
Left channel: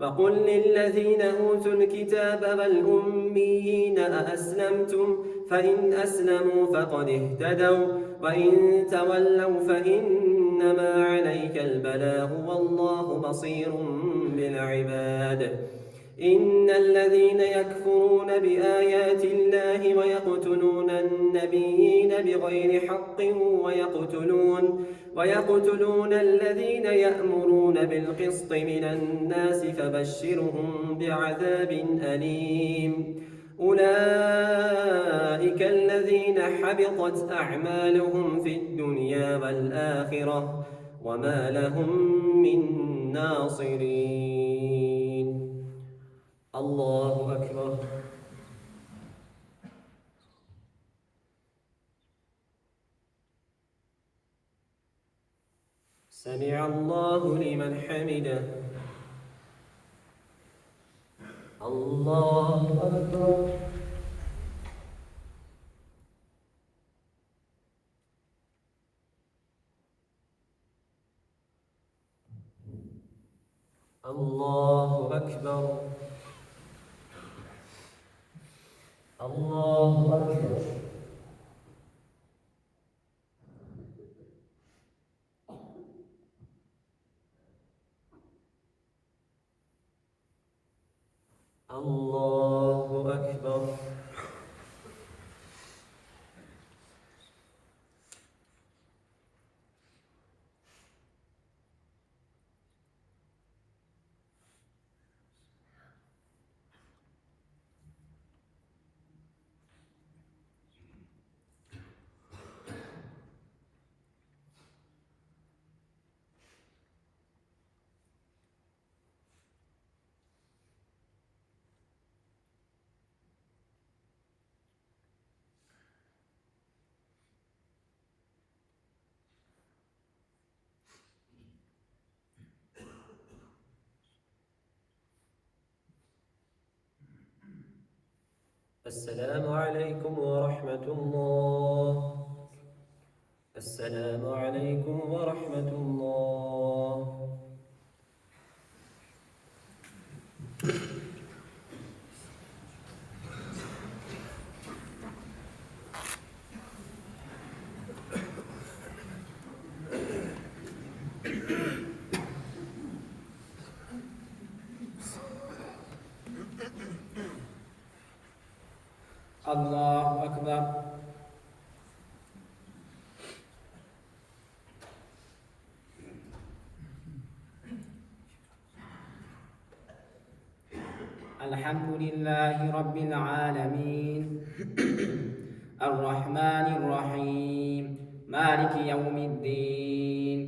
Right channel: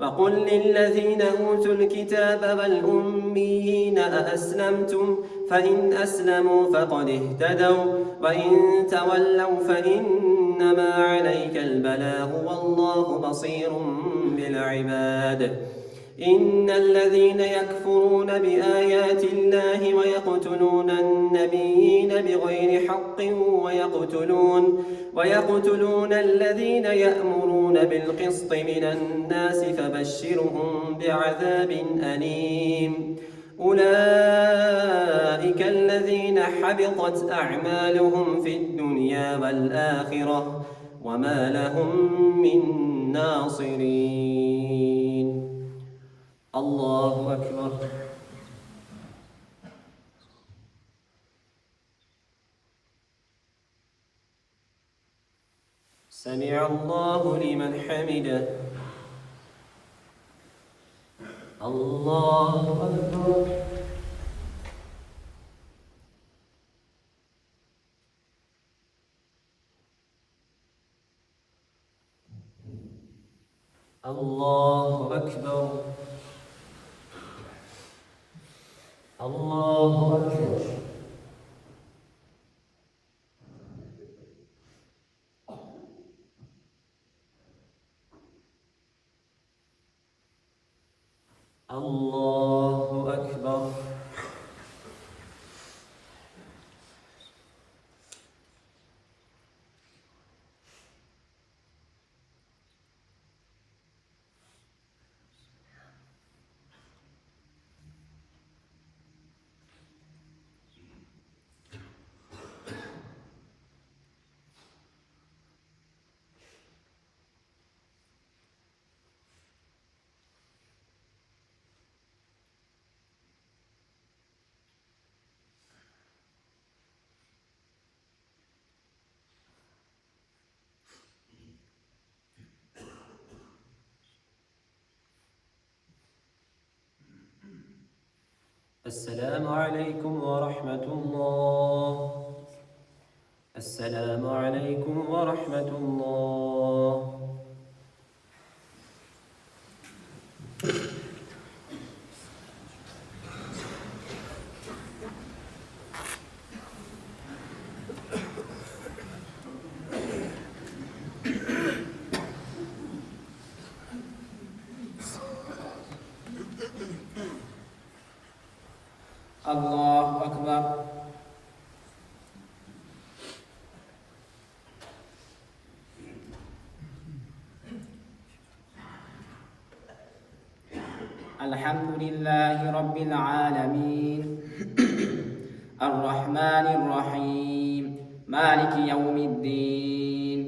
وقل للذين أوتوا الكتاب والأميين أأسلمتم فإن أسلموا فقد اهتدوا وإن تولوا فإنما عليك البلاغ والله بصير بالعباد إن الذين يكفرون بآيات الله ويقتلون النبيين بغير حق ويقتلون الذين يأمرون بالقسط من الناس فبشرهم بعذاب أليم أولئك الذين حبطت أعمالهم في الدنيا والآخرة وما لهم من ناصرين. الله أكبر. سمع الله لمن حمده. الله أكبر. الله أكبر. الله أكبر. الله أكبر. السلام عليكم ورحمة الله. السلام عليكم ورحمة الله. الله أكبر. الحمد لله رب العالمين الرحمن الرحيم مالك يوم الدين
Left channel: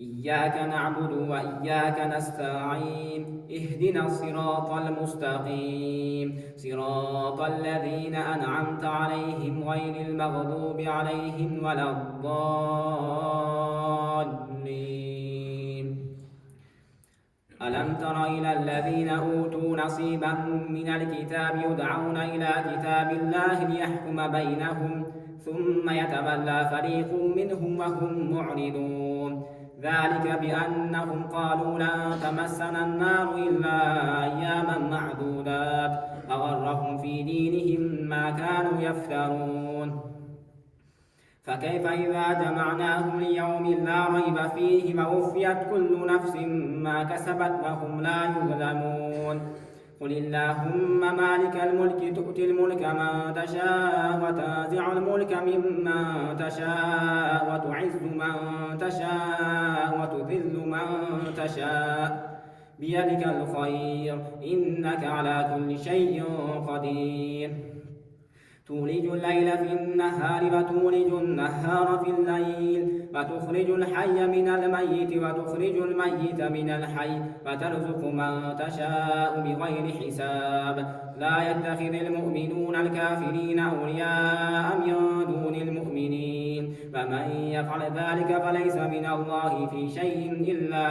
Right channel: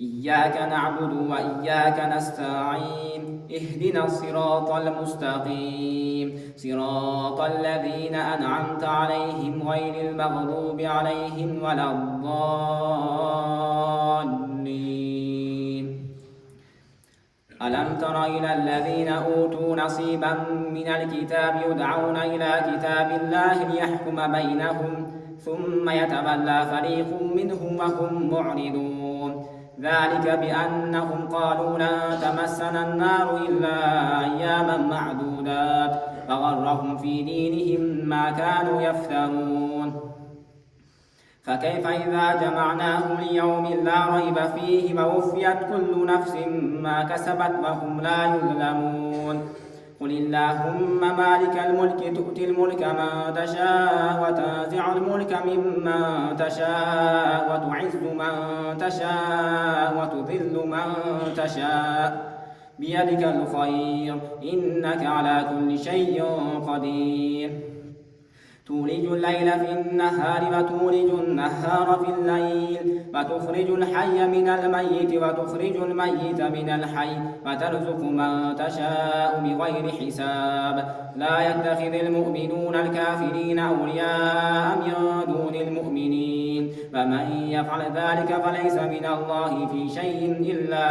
إياك نعبد وإياك نستعين اهدنا الصراط المستقيم صراط الذين أنعمت عليهم غير المغضوب عليهم ولا الضالين ألم تر إلى الذين أوتوا نصيبا من الكتاب يدعون إلى كتاب الله ليحكم بينهم ثم يتولى فريق منهم وهم معرضون ذلك بأنهم قالوا لن تمسنا النار إلا أياما معدودات فغرهم في دينهم ما كانوا يفترون فكيف إذا جمعناهم ليوم لا ريب فيه ووفيت كل نفس ما كسبت وهم لا يظلمون قل اللهم مالك الملك تؤتي الملك من تشاء وتنزع الملك ممن تشاء وتعز من تشاء وتذل من تشاء بيدك الخير إنك على كل شيء قدير تولج الليل في النهار وتولج النهار في الليل وتخرج الحي من الميت وتخرج الميت من الحي وترزق من تشاء بغير حساب لا يتخذ المؤمنون الكافرين أولياء من دون المؤمنين ومن يفعل ذلك فليس من الله في شيء إلا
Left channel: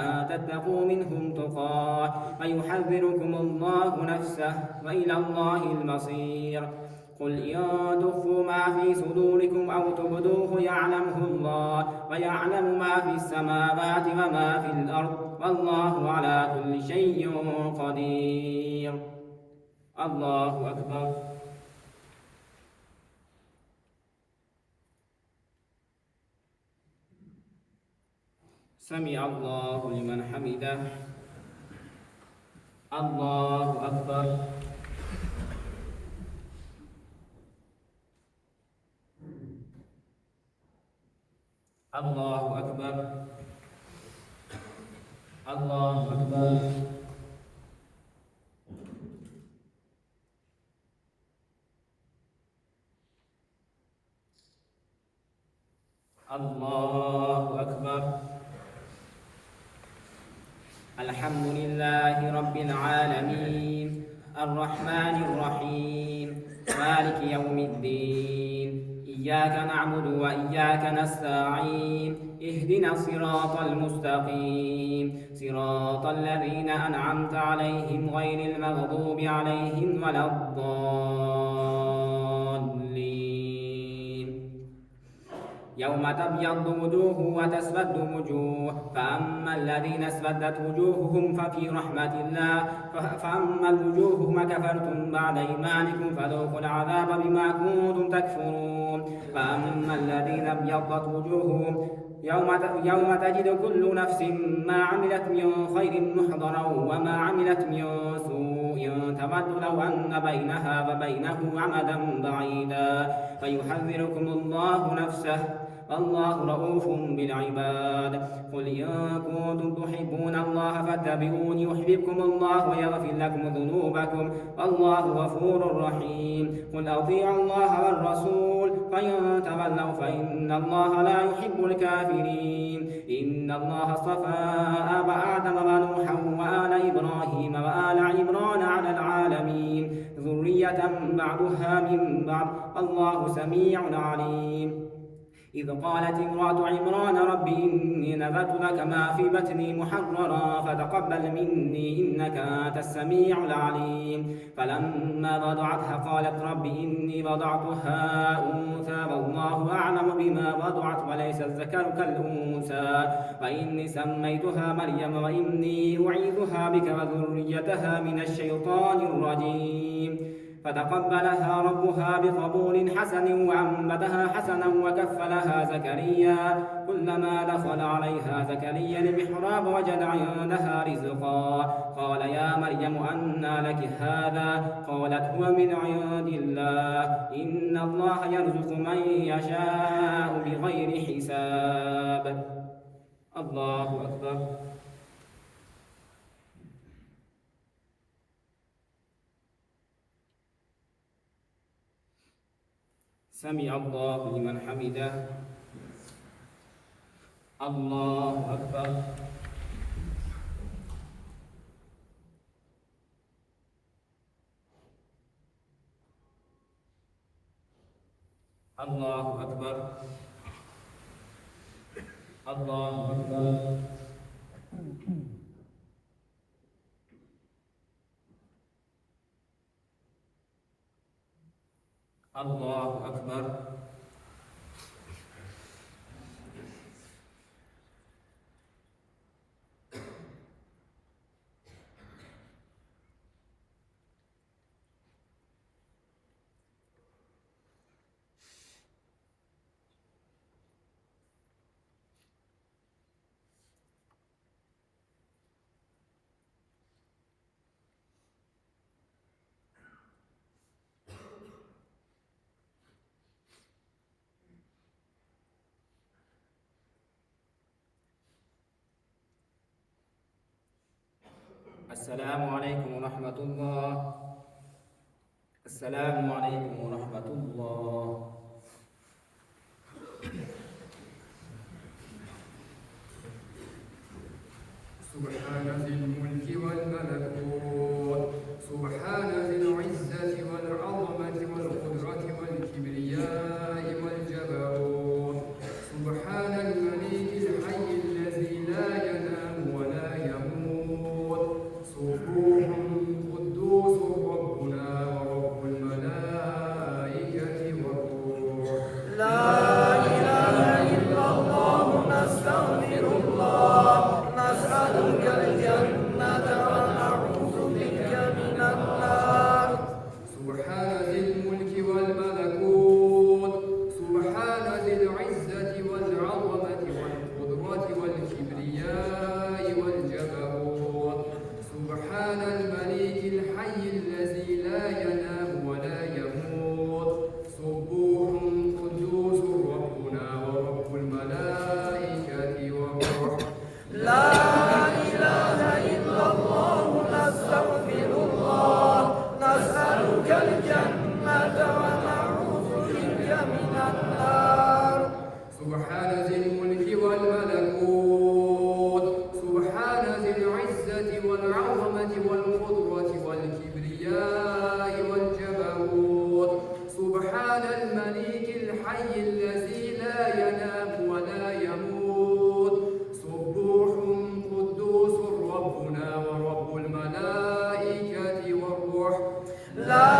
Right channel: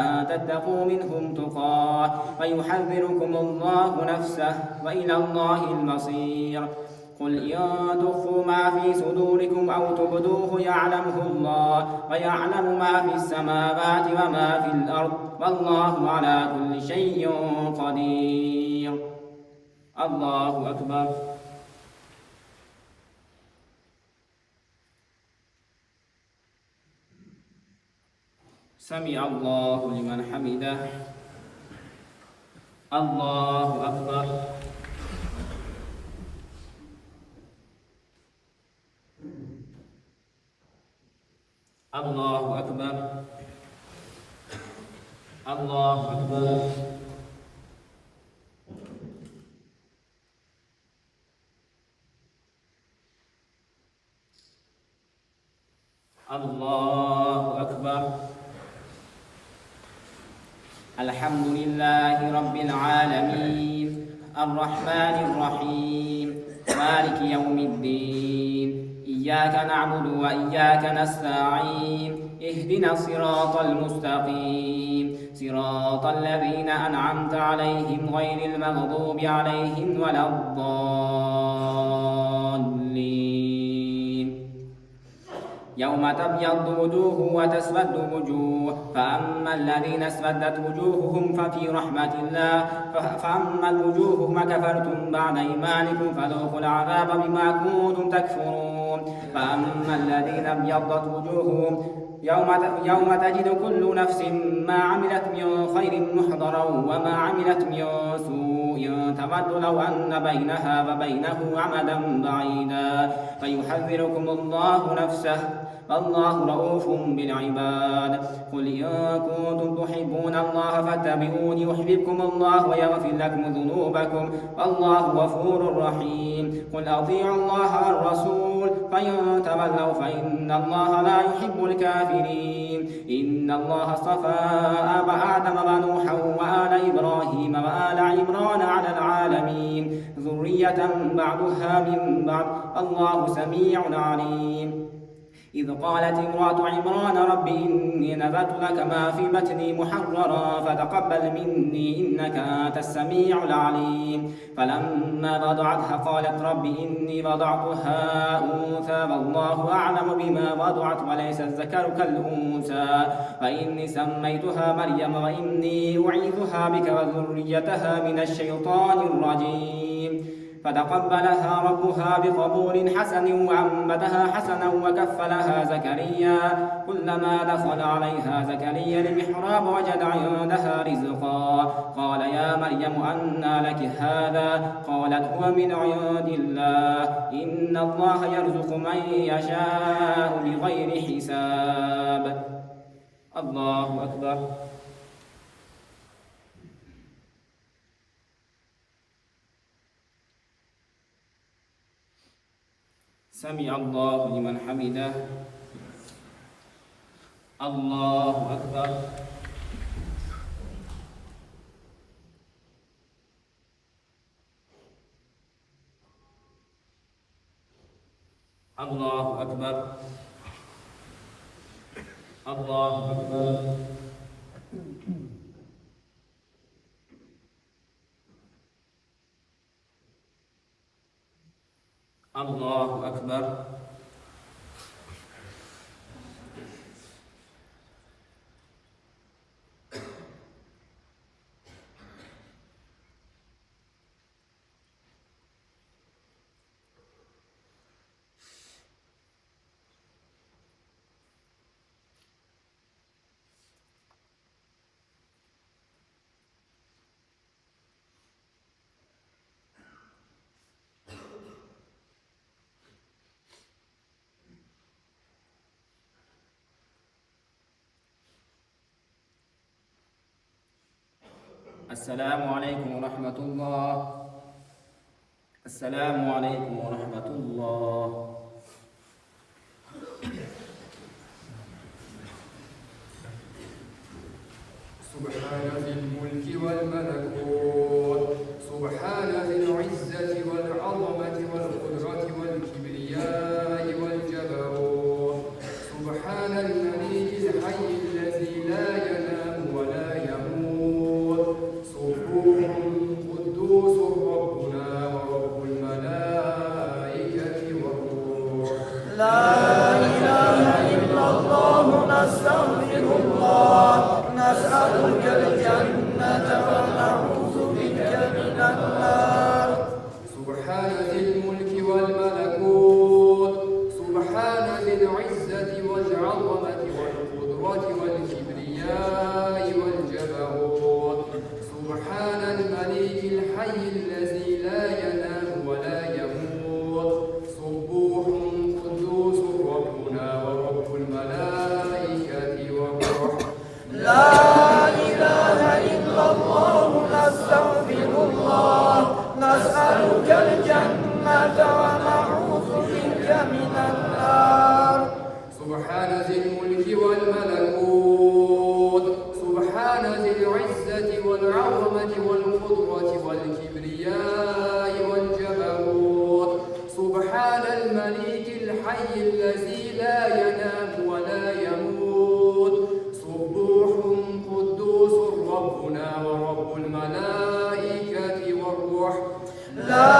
أن تتقوا منهم تقاه ويحذركم الله نفسه وإلى الله المصير قل إن تخفوا ما في صدوركم أو تبدوه يعلمه الله ويعلم ما في السماوات وما في الأرض والله على كل شيء قدير الله أكبر سمع الله لمن حمده الله أكبر الله أكبر الله أكبر الله أكبر الحمد لله رب العالمين الرحمن الرحيم مالك يوم الدين إياك نعبد وإياك نستعين اهدنا الصراط المستقيم صراط الذين أنعمت عليهم غير المغضوب عليهم ولا الضالين يوم تبيض وجوه وتسود وجوه فأما الذين اسودت وجوههم ففي رحمة الله فأما الوجوه ما كفرتم بعد إيمانكم فذوقوا العذاب بما كنتم تكفرون فأما الذين ابيضت وجوههم يوم تجد كل نفس ما عملت من خير محضرا وما عملت من سوء تود لو أن بينها وبينه عمدا بعيدا فيحذركم الله نفسه الله رؤوف بالعباد قل إن كنتم تحبون الله فاتبعوني يحببكم الله ويغفر لكم ذنوبكم والله غفور رحيم قل أطيعوا الله والرسول فإن تولوا فإن الله لا يحب الكافرين إن الله اصطفى آدم ونوحا وآل إبراهيم وآل عمران على العالمين ذرية بعضها من بعض الله سميع عليم إذ قالت امرأة عمران رب إني نذرت لك ما في بطني محررا فتقبل مني إنك أنت السميع العليم فلما وضعتها قالت رب إني وضعتها أنثى والله أعلم بما وضعت وليس الذكر كالأنثى وإني سميتها مريم وإني أعيذها بك وذريتها من الشيطان الرجيم فتقبلها ربها بقبول حسن وأنبتها حسنا وكفلها زكريا كلما دخل عليها زكريا المحراب وجد عندها رزقا قال يا مريم أنى لك هذا قالت هو من عند الله إن الله يرزق من يشاء بغير حساب الله أكبر سمع الله لمن حمده. الله أكبر. الله أكبر. الله أكبر. الله أكبر. السلام عليكم ورحمة الله. السلام عليكم ورحمة الله. سبحان ذي الملك والملكوت، سبحان ذي العزة والعظمة والقدرة والكبرياء والجبروت، سبحان الملك الحي الذي لا ينام ولا يموت، سبوح قدوس ربنا ورب الملائكة والروح. لا إله إلا الله نستغفر الله نسألك الجنة ونعوذ بك من النار. سبحان ذي الملك والملكوت، سبحان ذي العزة والعظمة والقدرة والكبرياء والجبروت، سبحان الملك الحي الذي لا ينام ولا يموت، سبوح قدوس ربنا ورب الملائكة والروح. لا إله إلا الله نستغفر الله نسألك الجنة ونعوذ بك من النار. سبحان ذي الملك والملكوت، سبحان ذي العزة والعظمة والقدرة والكبرياء والجبروت، سبحان الملك الحي الذي لا ينام ولا يموت، سبوح قدوس ربنا ورب الملائكة والروح. لا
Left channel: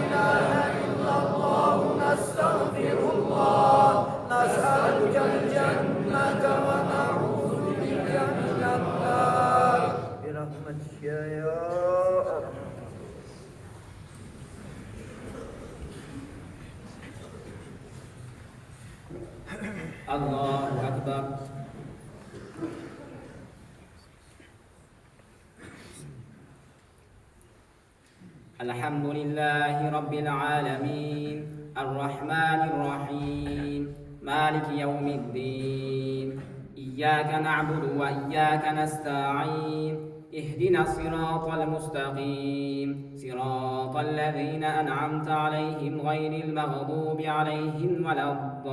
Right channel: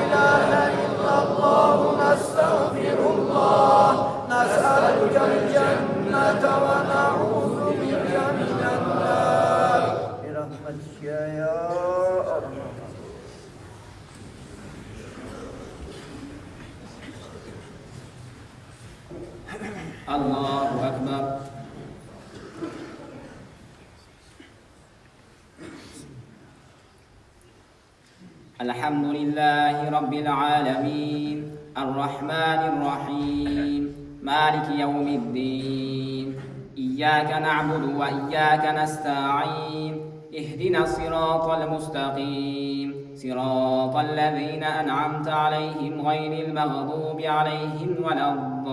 إله إلا الله نستغفر الله نسألك الجنة ونعوذ بك من النار. برحمتك يا الله. الله أكبر. الحمد لله رب العالمين الرحمن الرحيم مالك يوم الدين إياك نعبد وإياك نستعين اهدنا الصراط المستقيم صراط الذين أنعمت عليهم غير المغضوب عليهم ولا الضالين.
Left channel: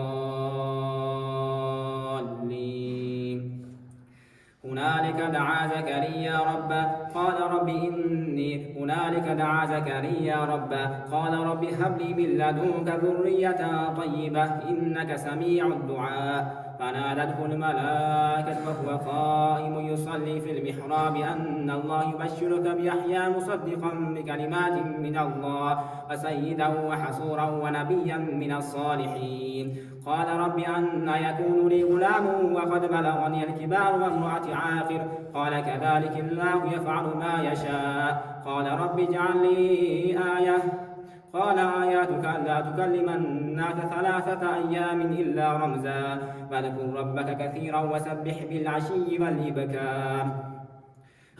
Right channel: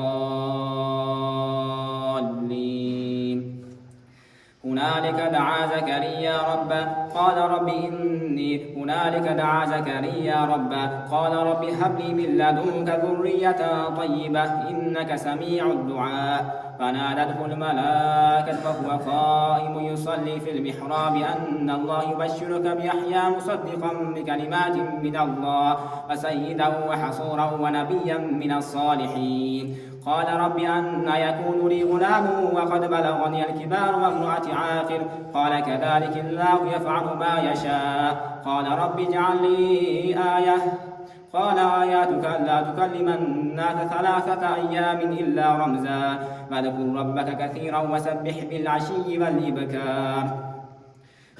هنالك دعا زكريا ربه قال رب إني هنالك دعا زكريا ربه قال رب هب لي من لدنك ذرية طيبة إنك سميع الدعاء. فنادته الملائكة وهو قائم يصلي في المحراب أن الله يبشرك بيحيى مصدقا بكلمات من الله وسيدا وحصورا ونبيا من الصالحين. قال رب أن يكون لي غلام وقد بلغني الكبار وامرأتي عاقر قال كذلك الله يفعل ما يشاء. قال رب اجعل لي آية قال آياتك ألا تكلم الناس 3 أيام إلا رمزا فاذكر ربك كثيرا وسبح بالعشي والإبكار.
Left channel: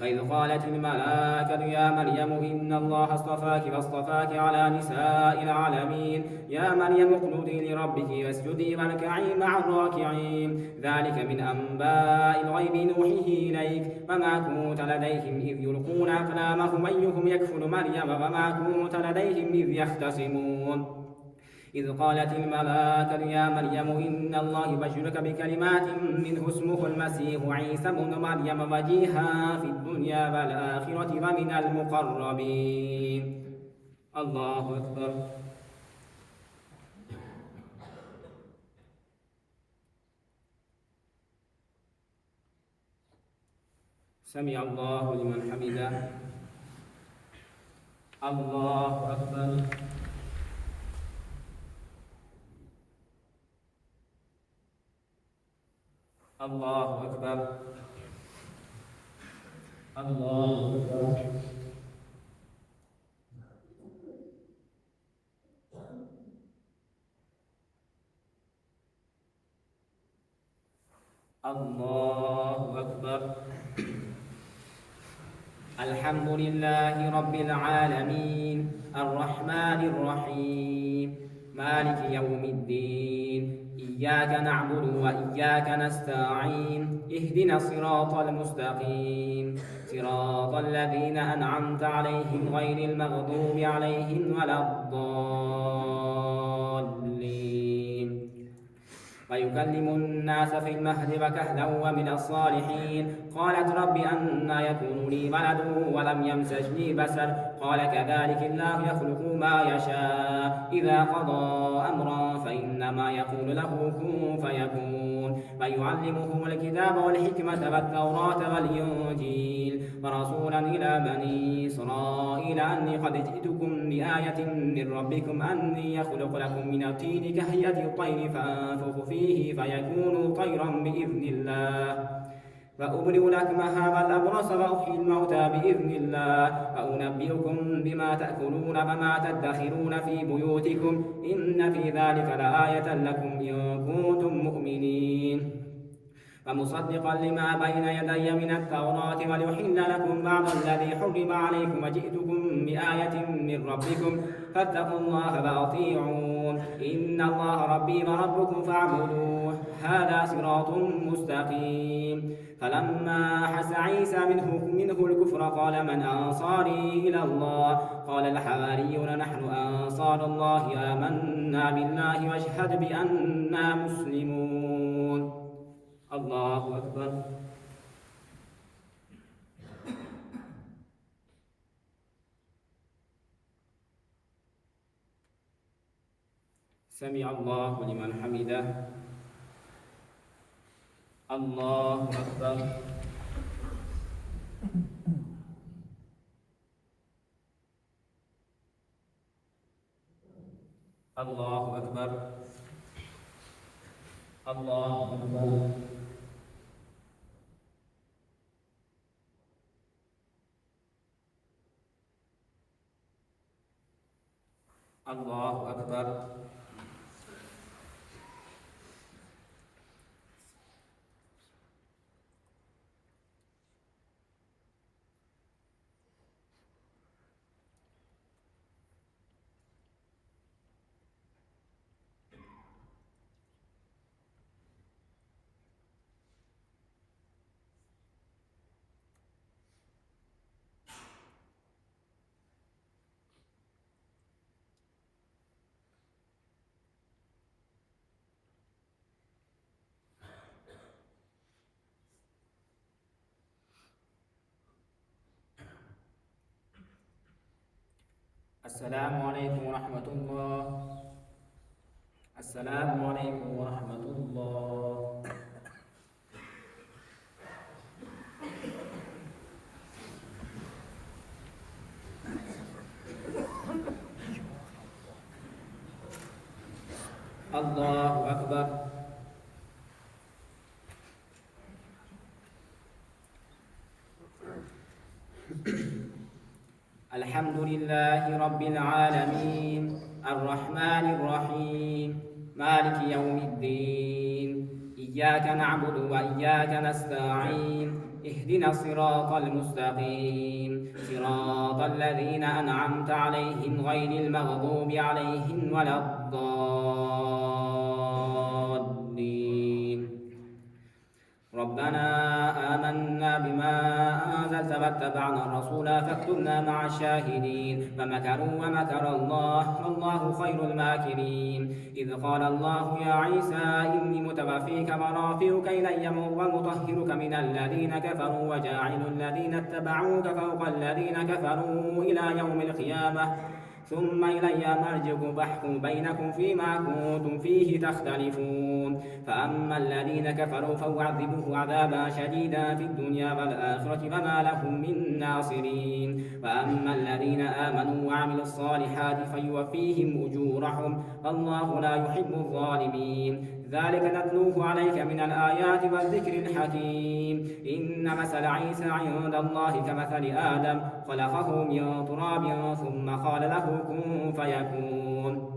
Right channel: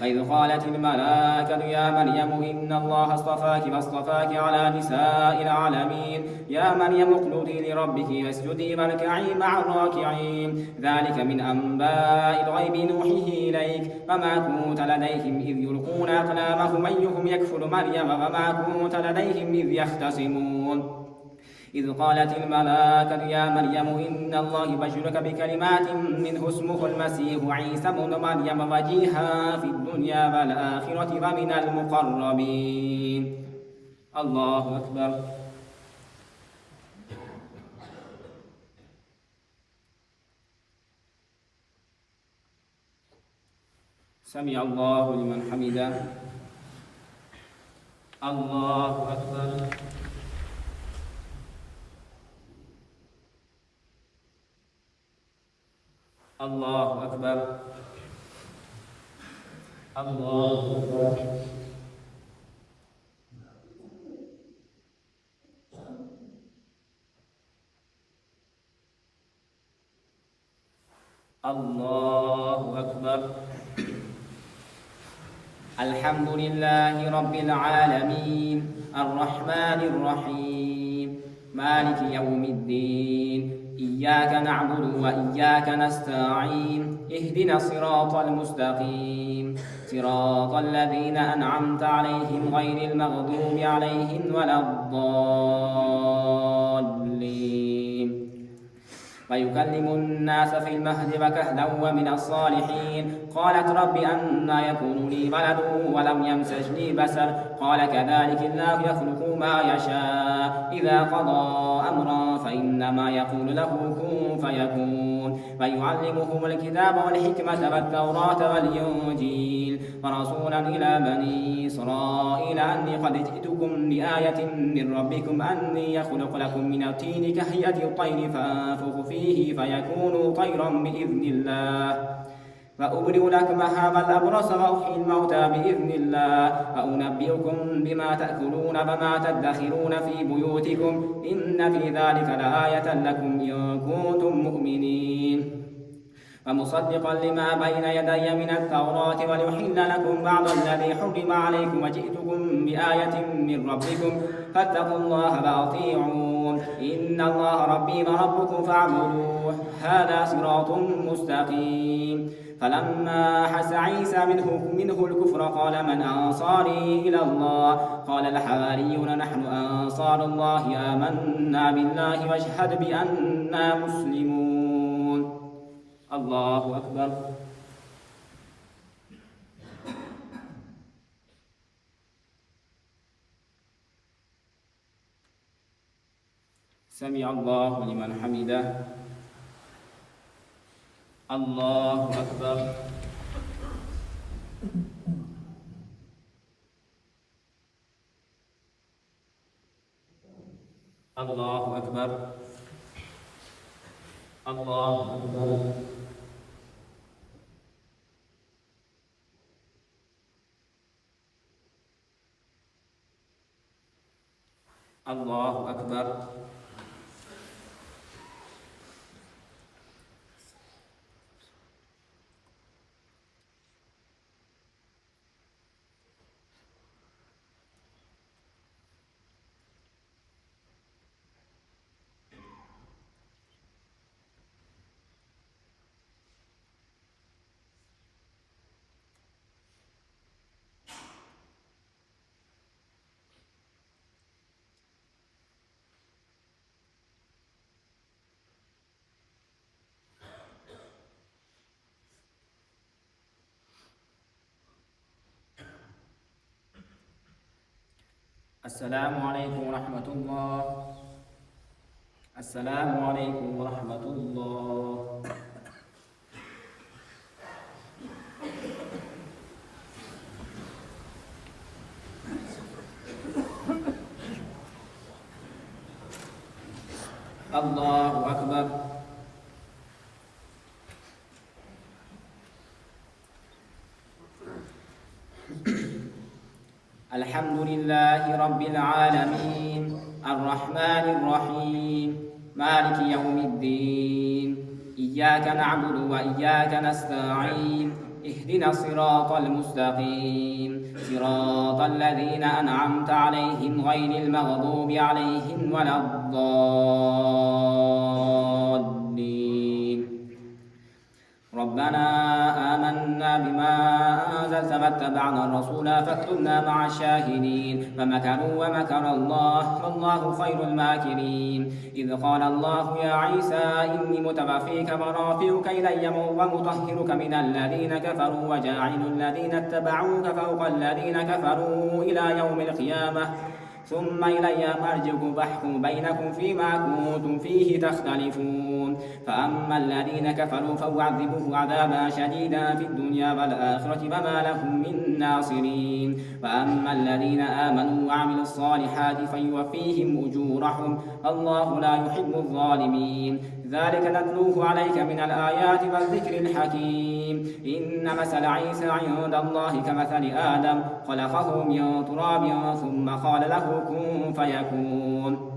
وإذ قالت الملائكة يا مريم إن الله اصطفاك واصطفاك على نساء العالمين يا مريم اقنتي لربك واسجدي واركعي مع الراكعين. ذلك من أنباء الغيب نوحيه إليك وما كنت لديهم إذ يلقون أقلامهم أيهم يكفل مريم وما كنت لديهم إذ يختصمون. إذ قالت الملائكة يا مريم إن الله يبشرك بكلمات منه اسمه المسيح عيسى ابن مريم وجيها في الدنيا والآخرة ومن المقربين. الله أكبر. سمع الله لمن حمده. الله أكبر. الله أكبر. الله أكبر. الله أكبر. الحمد لله رب العالمين الرحمن الرحيم مالك يوم الدين إياك نعبد وإياك نستعين اهدنا الصراط المستقيم صراط الذين أنعمت عليهم غير المغضوب عليهم ولا الضالين. ويكلم الناس في المهد وكهلا ومن الصالحين. قالت رب أنى يكون لي ولد ولم يمسسني بشر قال كذلك الله يخلق ما يشاء إذا قضى أمرا فإنما يقول له كن فيكون. ويعلمه الكتاب والحكمة والتوراة والإنجيل ورسولا إلى بني إسرائيل أني قد جئتكم بآية من ربكم أني يخلق لكم من الطين كهيئة الطير فأنفخ فيه فيكون طيرا بإذن الله وأبرئ الأكمه والأبرص وأحيي الموتى بإذن الله وأنبئكم بما تأكلون وما تدخرون في بيوتكم إن في ذلك لآية لكم إن كنتم مؤمنين. ومصدقا لما بين يدي من التوراة وليحل لكم بعض الذي حرم عليكم وجئتكم بآية من ربكم فاتقوا الله وأطيعون إن الله ربي وربكم فاعبدوه هذا صراط مستقيم. فلما أحس عيسى منه الكفر قال من أنصاري إلى الله قال الحواريون نحن أنصار الله آمنا بالله واشهد بأننا مسلمون. الله أكبر. سمع الله لمن حمده. الله أكبر. الله أكبر. الله أكبر. الله أكبر. السلام عليكم ورحمة الله. السلام عليكم ورحمة الله. الله أكبر. الحمد لله رب العالمين الرحمن الرحيم مالك يوم الدين إياك نعبد وإياك نستعين اهدنا الصراط المستقيم صراط الذين أنعمت عليهم غير المغضوب عليهم ولا الضالين. ربنا آمنا بما أنزلت فاتبعنا الرسول فاكتبنا مع الشاهدين فمكروا ومكر الله والله خير الماكرين إذ قال الله يا عيسى إني متوفيك ورافعك إلي ومطهرك من الذين كفروا وجاعل الذين اتبعوك فوق الذين كفروا إلى يوم القيامة ثم إلي مرجعكم فاحكم بينكم فيما كنتم فيه تختلفون فأما الذين كفروا فأعذبوه عذابا شديدا في الدنيا والآخرة وما لهم من ناصرين وأما الذين آمنوا وعملوا الصالحات فيوفيهم أجورهم والله لا يحب الظالمين ذلك نتلوه عليك من الآيات والذكر الحكيم إن مثل عيسى عند الله كمثل آدم خلقه من تراب ثم قال له كن فيكون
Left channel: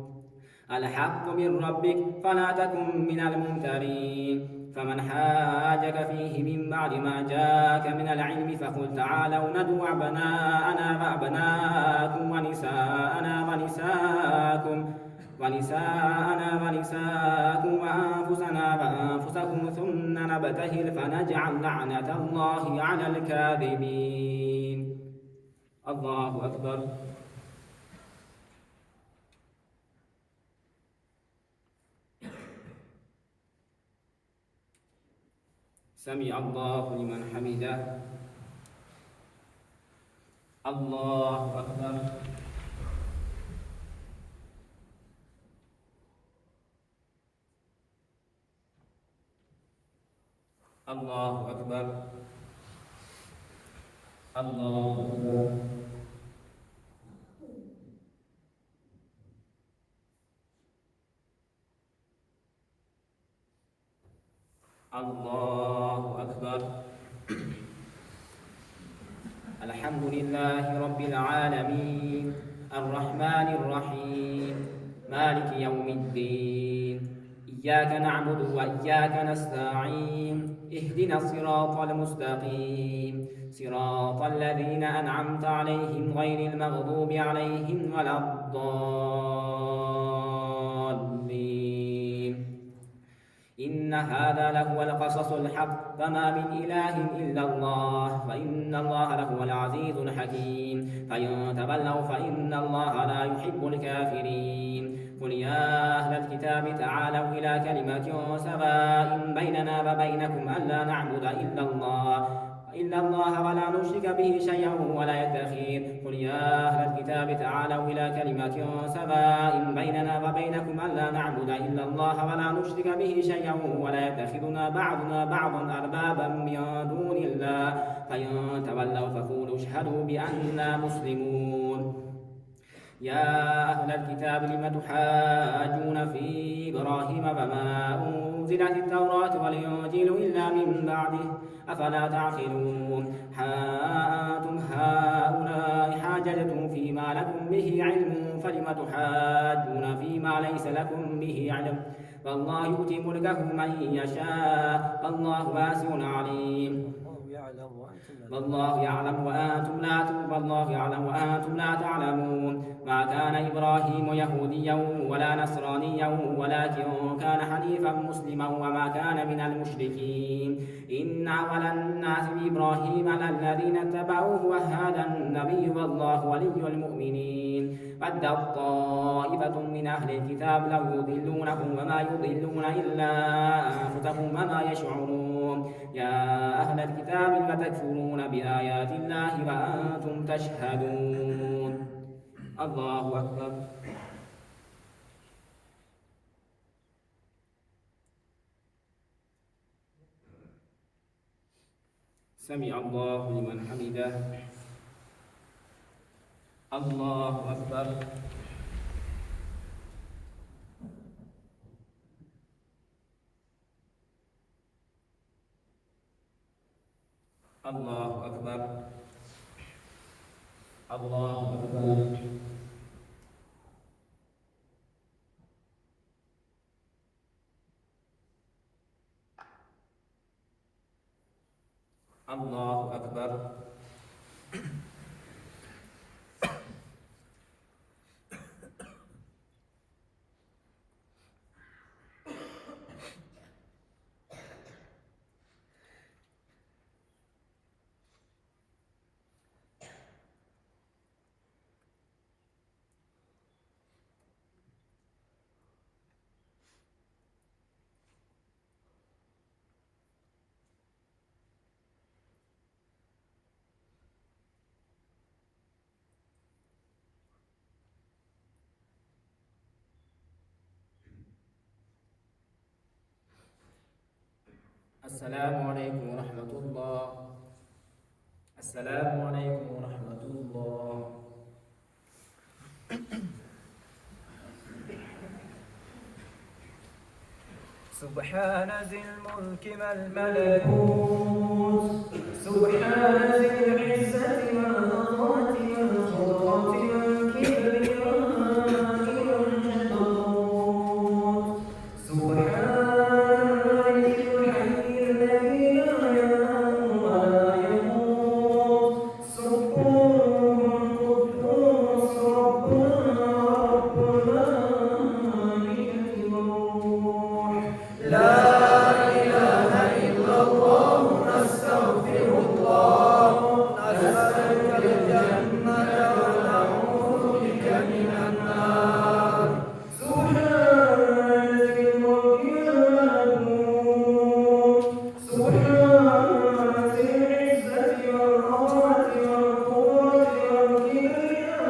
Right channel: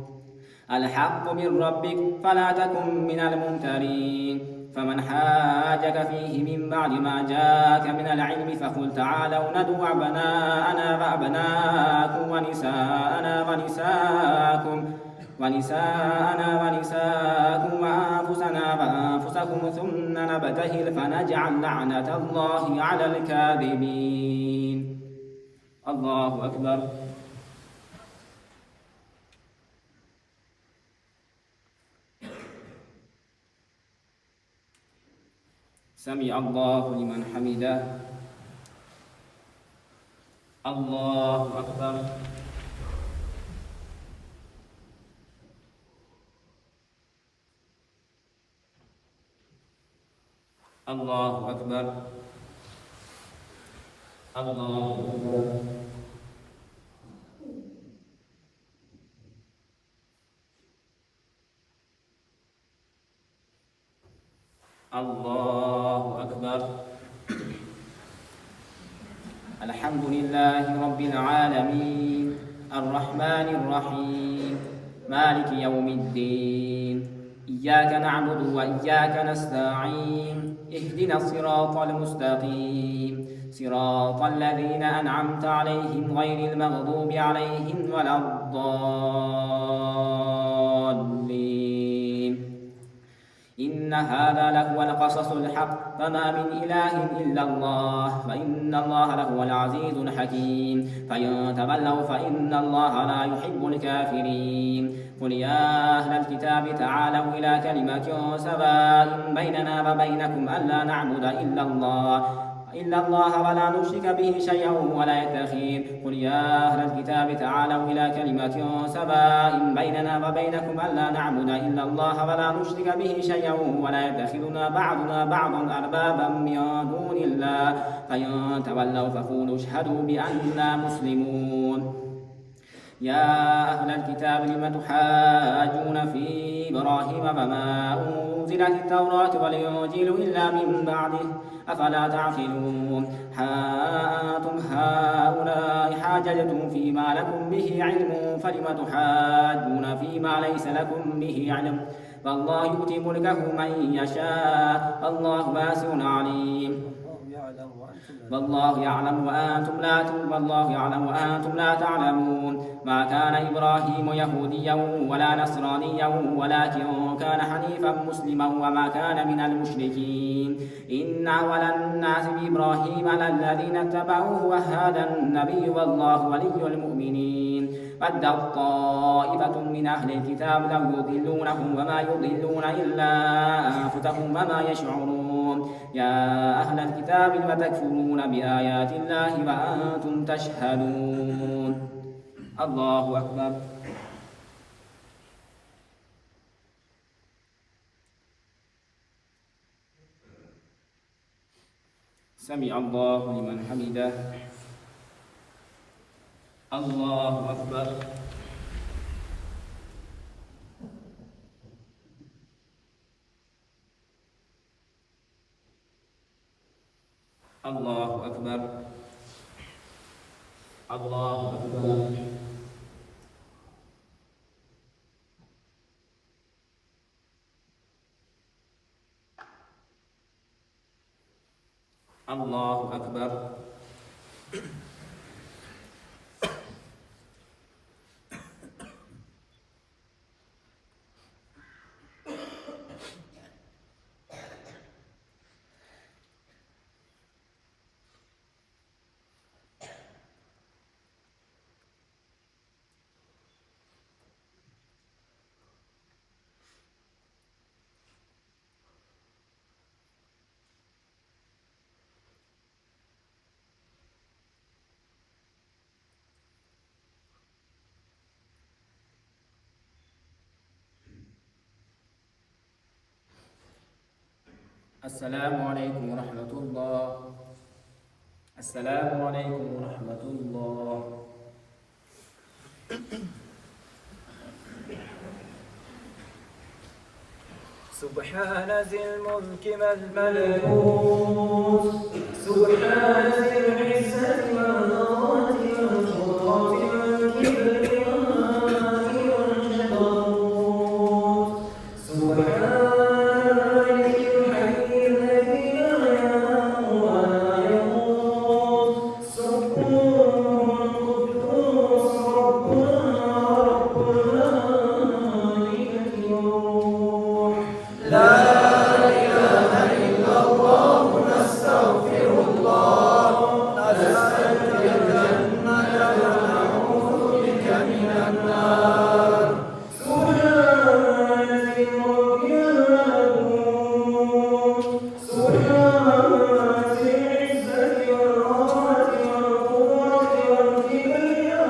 الحق من ربك فلا تكن من الممترين فمن حاجك فيه من بعد ما جاءك من العلم فقل تعالوا ندعو أبناءنا وأبناءكم ونساءنا ونساءكم وأنفسنا وأنفسكم ثم نبتهل فنجعل لعنة الله على الكاذبين الله أكبر سمع الله لمن حمده الله أكبر الله أكبر الله أكبر الله أكبر الحمد لله رب العالمين الرحمن الرحيم مالك يوم الدين إياك نعبد وإياك نستعين اهدنا الصراط المستقيم صراط الذين أنعمت عليهم غير المغضوب عليهم ولا الضالين إن هذا لهو القصص الحق فما من إله إلا الله وإن الله لهو العزيز الحكيم فإن تولوا فإن الله لا يحب الكافرين قل يا أهل الكتاب تعالوا إلى كلمة سواء بيننا وبينكم ألا نعبد إلا الله ولا نشرك به شيئا ولا يتخذ قل يا أهل الكتاب تعالوا إلى كلمة سواء بيننا وبينكم ألا نعبد إلا الله ولا نشرك به شيئا ولا يتخذنا بعضنا بعضا أربابا من دون الله فإن تولوا فقولوا اشهدوا بأننا مسلمون يا أهل الكتاب لم تحاجون في إبراهيم وما أنزلت التوراة والإنجيل إلا من بعده أفلا تعقلون أنتم هؤلاء حاججتم فيما لكم به علم فلم تحاجون فيما ليس لكم به علم والله يؤتي ملكه من يشاء والله واسع عليم والله يعلم وأنتم لا تعلمون ما كان إبراهيم يهوديا ولا نصرانيا ولكن كان حنيفا مسلما وما كان من المشركين إن أول الناس بإبراهيم للذين اتبعوه وهذا النبي والله ولي المؤمنين ودت طائفة من أهل الكتاب لو يضلونهم وما يضلون إلا أنفسهم وما يشعرون يا أهل الكتاب لم تكفرون بآيات الله وأنتم تشهدون الله أكبر سمع الله لمن حمده الله أكبر الله أكبر الله أكبر الله أكبر السلام عليكم ورحمة الله. السلام عليكم ورحمة الله. سبحان ذي الملك والملكوت، سبحان ذي العزة والعظمة والقدرة والكبرياء والجبروت، سبحان الملك الحي الذي لا ينام ولا يموت، سبحان قدوس ربنا رب الملائكة والروح. لا إله إلا الله، نستغفر الله، نسألك الجنة ونعوذ بك من النار. سبحان ذي الملك والملكوت، سبحان ذي العزة والعظمة والقدرة والكبرياء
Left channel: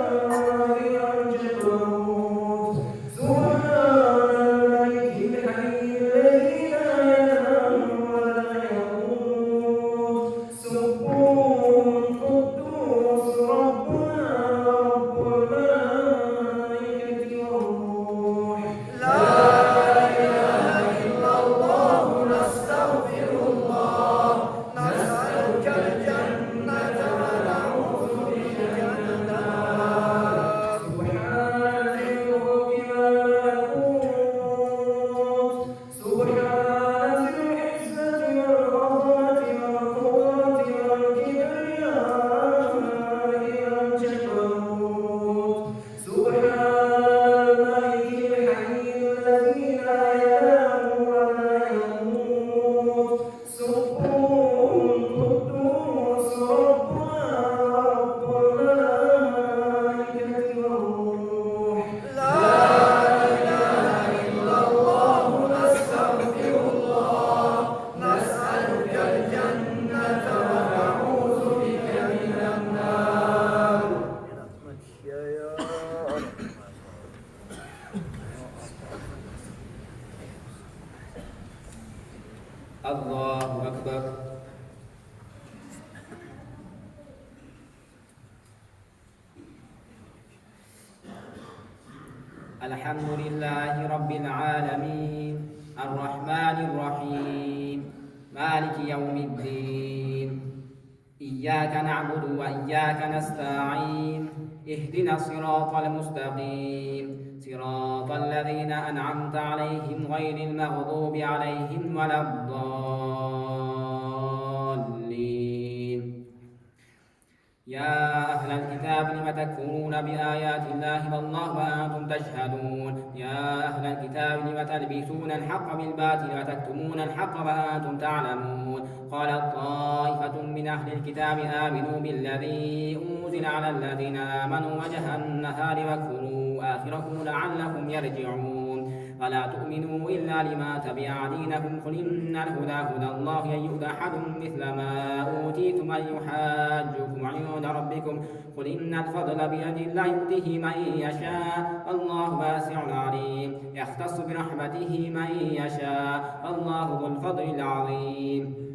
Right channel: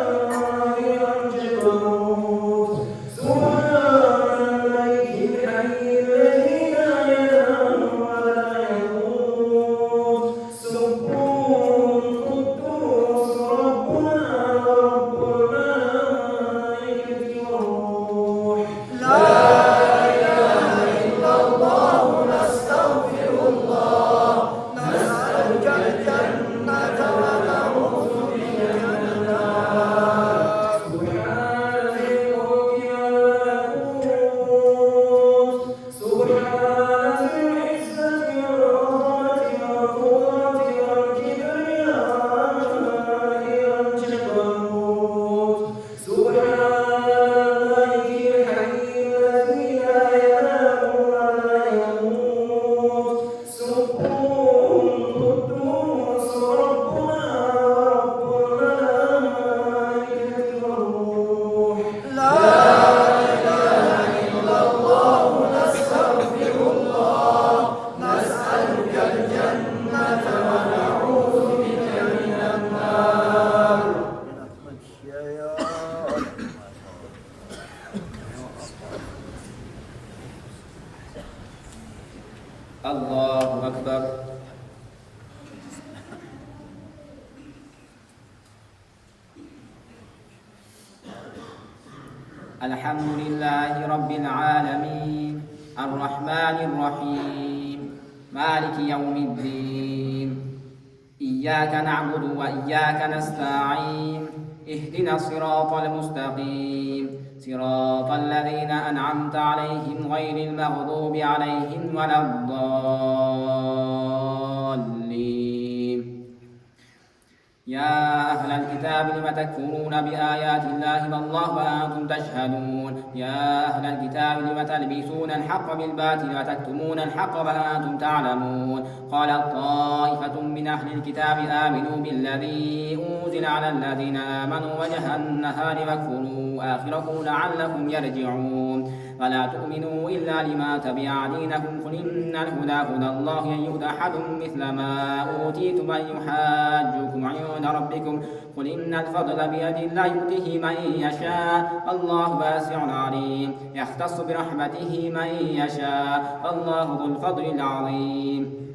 والجبروت، سبحان الملك الحي الذي لا ينام ولا يموت، سبحان قدوس ربنا رب الملائكة والروح. لا إله إلا الله، نستغفر الله، نسألك الجنة ونعوذ بك من النار. سبحان ذي الملك والملكوت، سبحان ذي العزة والعظمة والقدرة والكبرياء والجبروت، سبحان الملك الحي الذي لا ينام ولا يموت، سبحان قدوس ربنا رب الملائكة والروح. لا إله إلا الله، نستغفر الله، نسألك الجنة ونعوذ بك من النار. الله أكبر. الحمد لله رب العالمين، الرحمن الرحيم، مالك يوم الدين. إياك نعبد وإياك نستعين، اهدنا الصراط المستقيم، صراط الذين أنعمت عليهم غير المغضوب عليهم ولا الضالين. يا أهل الكتاب لم تكفرون بآيات الله والله وأنتم تشهدون. يا أهل الكتاب لم تلبسون الحق بالباطل وتكتمون الحق وأنتم تعلمون. قالت طائفة من أهل الكتاب آمنوا بالذي أنزل على الذين آمنوا وجه النهار واكفروا آخره لعلهم يرجعون. ولا تؤمنوا إلا لما تبع دينكم، قل إن الهدى هدى الله أن يؤتى أحد مثل ما أوتيتم أن يحاجوكم عند ربكم، قل إن الفضل بيد الله يؤتيه من يشاء، الله واسع عليم، يختص برحمته من يشاء، الله ذو الفضل العظيم.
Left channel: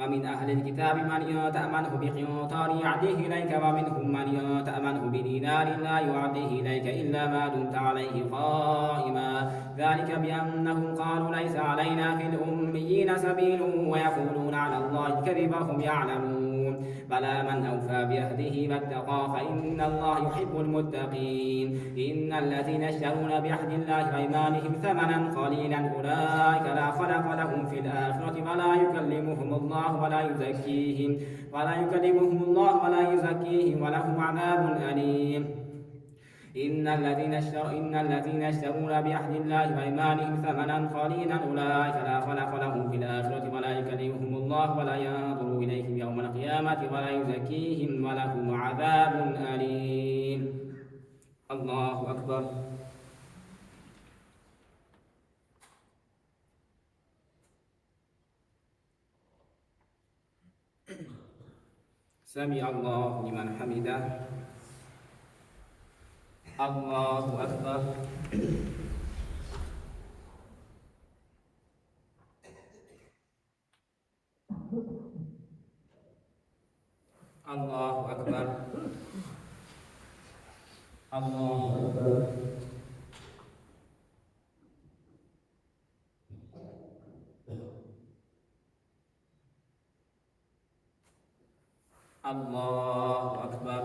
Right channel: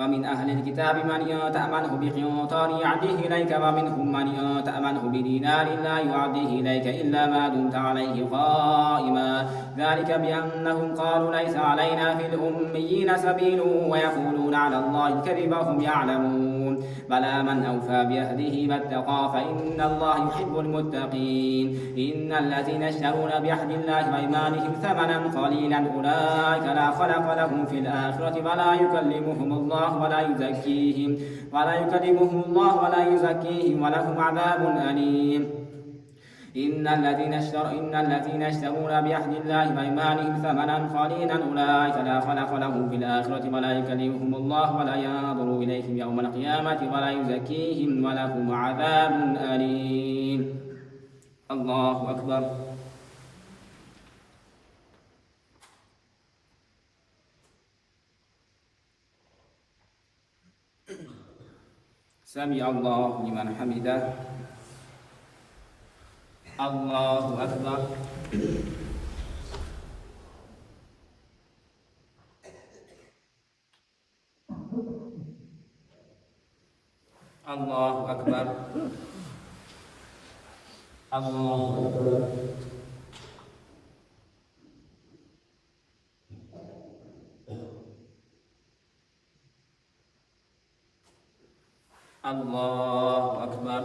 ومن أهل الكتاب من تأمنه بقنطار يعده إليك، ومنهم من تأمنه بدينار لا يعده إليك إلا ما دمت عليه قائما، ذلك بأنهم قالوا ليس علينا في الأميين سبيل ويقولون على الله الكذب وهم يعلمون. بلى من أوفى بعهده واتقى فإن الله يحب المتقين. إن الذين يشترون بعهد الله وأيمانهم ثمنا قليلا أولئك لا خلق لهم في الآخرة ولا يكلمهم الله ولا يزكيهم ولهم عذاب أليم. إن الذين يشترون بعهد الله وأيمانهم ثمنا قليلا أولئك لا خلق لهم في الآخرة ولا يكلمهم الله ولا ينظر إليهم يوم القيامة ولا يزكيهم ولهم عذاب أليم. الله أكبر. سمع الله لمن حمده. الله أكبر. الله أكبر. الله أكبر. الله أكبر.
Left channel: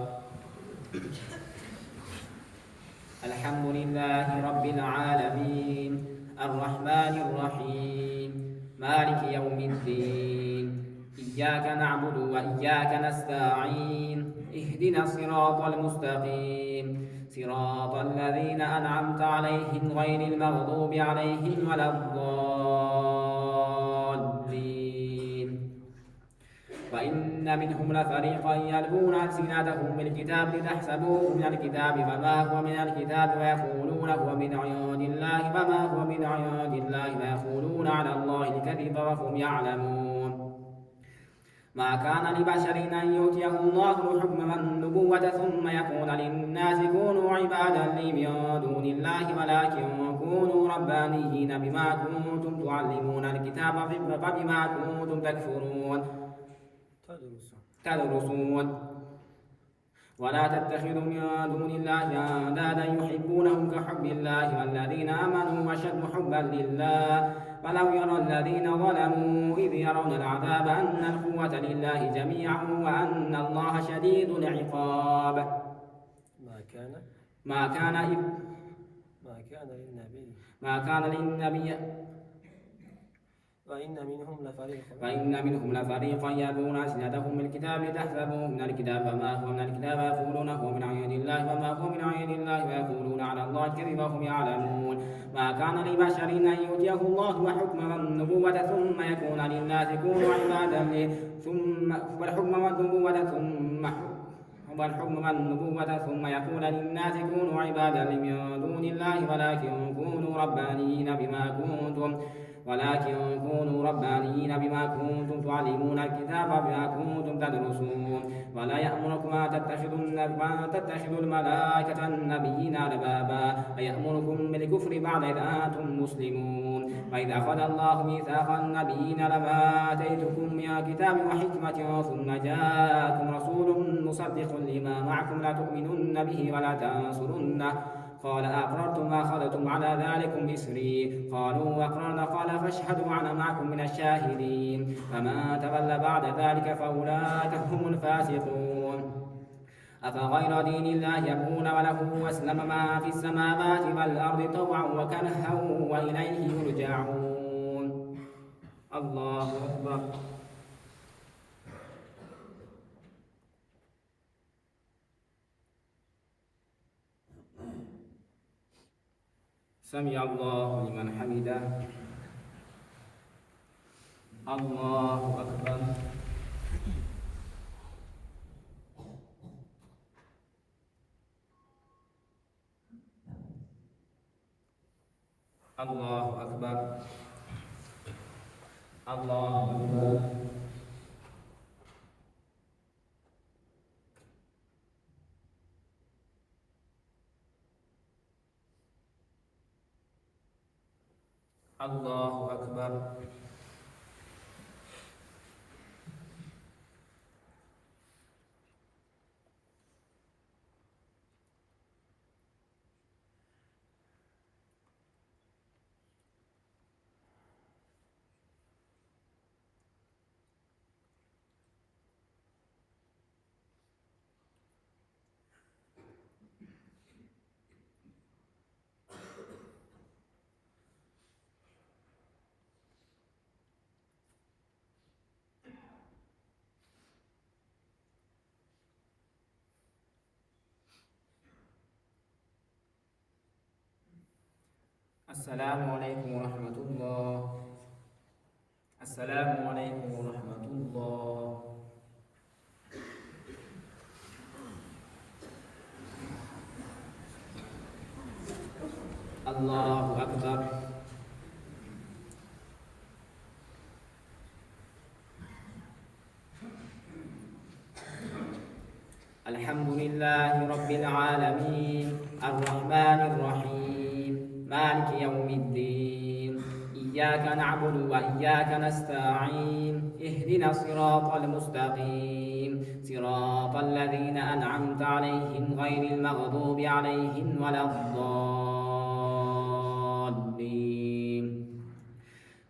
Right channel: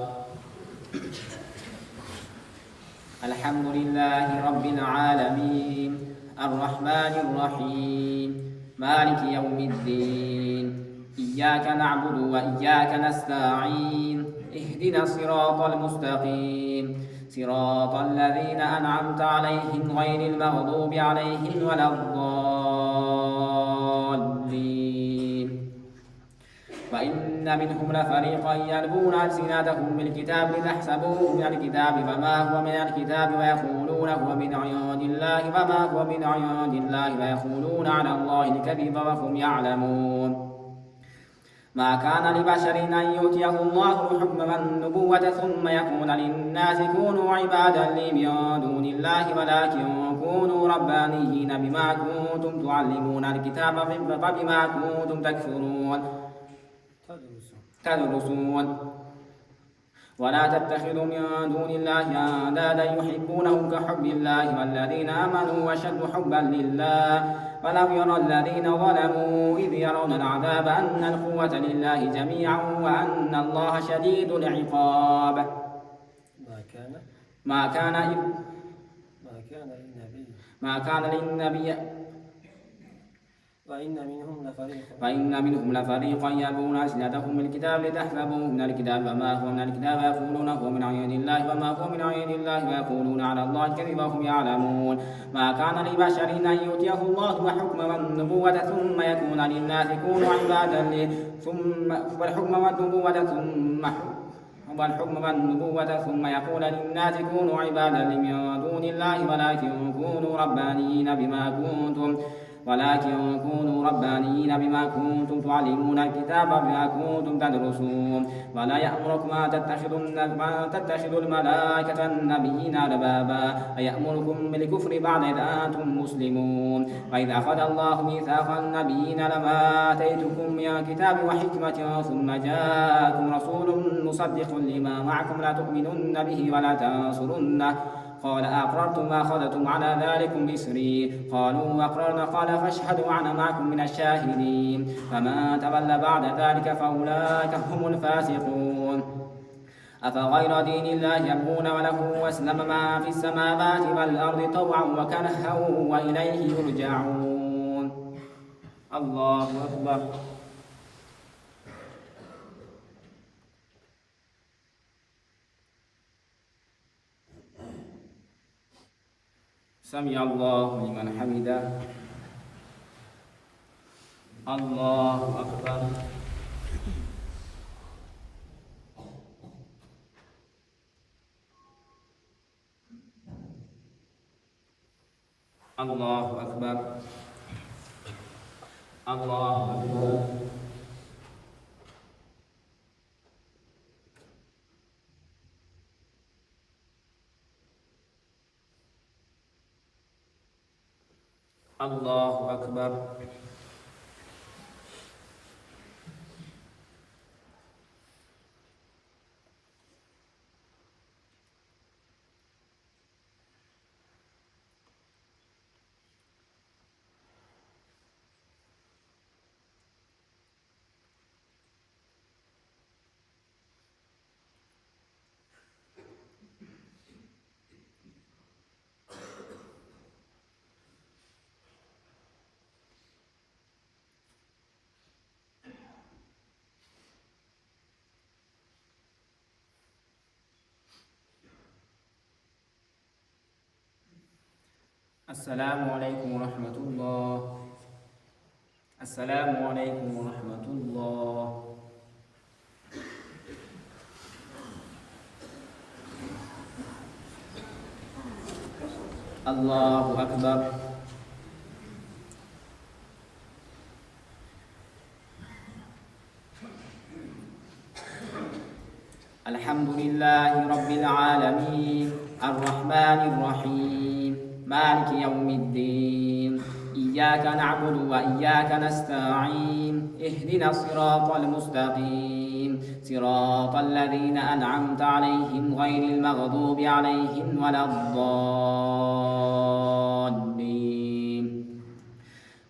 الحمد لله رب العالمين الرحمن الرحيم مالك يوم الدين إياك نعبد وإياك نستعين اهدنا الصراط المستقيم صراط الذين أنعمت عليهم غير المغضوب عليهم ولا الضالين. وإن منهم لفريقا يلوون ألسنتهم بالكتاب لتحسبوه من الكتاب فما هو من الكتاب ويقولون هو من عند الله فما هو من عند الله ويقولون على الله الكذب وهم يعلمون. ما كان لبشر أن يؤتيه الله الحكم والنبوة ثم يقول للناس كونوا عبادا لي من دون الله ولكن كونوا ربانيين بما كنتم تعلمون الكتاب فبما كنتم تدرسون ولا تتخذوا من دون الله أندادا يحبونهم كحب الله والذين آمنوا أشد حبا لله ولو يرى الذين ظلموا إذ يرون العذاب أن القوة لله جميعا وأن الله شديد العقاب. ما كان للنبي وإن منهم لفريقا يلوون ألسنتهم بالكتاب لتحسبوه من الكتاب فما هو من الكتاب ويقولون هو من عند الله وما هو من عند الله ويقولون على الله الكذب وهم يعلمون. ما كان لبشر أن يؤتيه الله الحكم والنبوة ثم يكون للناس كونوا عبادا لي والحكم والنبوة ثم يقول للناس كونوا عبادا لي من دون الله ولكن كونوا ربانيين بما كنتم تعلمون الكتاب بما كنتم تدرسون. ولا يأمركم أن تتخذوا الملائكة والنبيين أربابا أيأمركم بالكفر بعد إذ أنتم مسلمون. وإذ أخذ الله ميثاق النبيين لما آتيتكم من الكتاب وحكمة ثم جاءكم رسول مصدق لما معكم لتؤمنن به ولا تنصرنه قال أقررتم وأخذتم على ذلكم إصري قالوا أقررنا قال فاشهدوا وأنا معكم من الشاهدين. فمن تولى بعد ذلك فأولئك هم الفاسقون. أفغير دين الله يبغون وله أسلم ما في السماوات والأرض طوعا وكرها وإليه يرجعون. الله أكبر. سمع الله لمن حمده. الله أكبر. الله أكبر. الله أكبر. الله أكبر. السلام عليكم ورحمة الله. السلام عليكم ورحمة الله. الله أكبر. الحمد لله رب العالمين الرحمن الرحيم مالك يوم الدين إياك نعبد وإياك نستعين اهدنا الصراط المستقيم صراط الذين أنعمت عليهم غير المغضوب عليهم ولا الضالين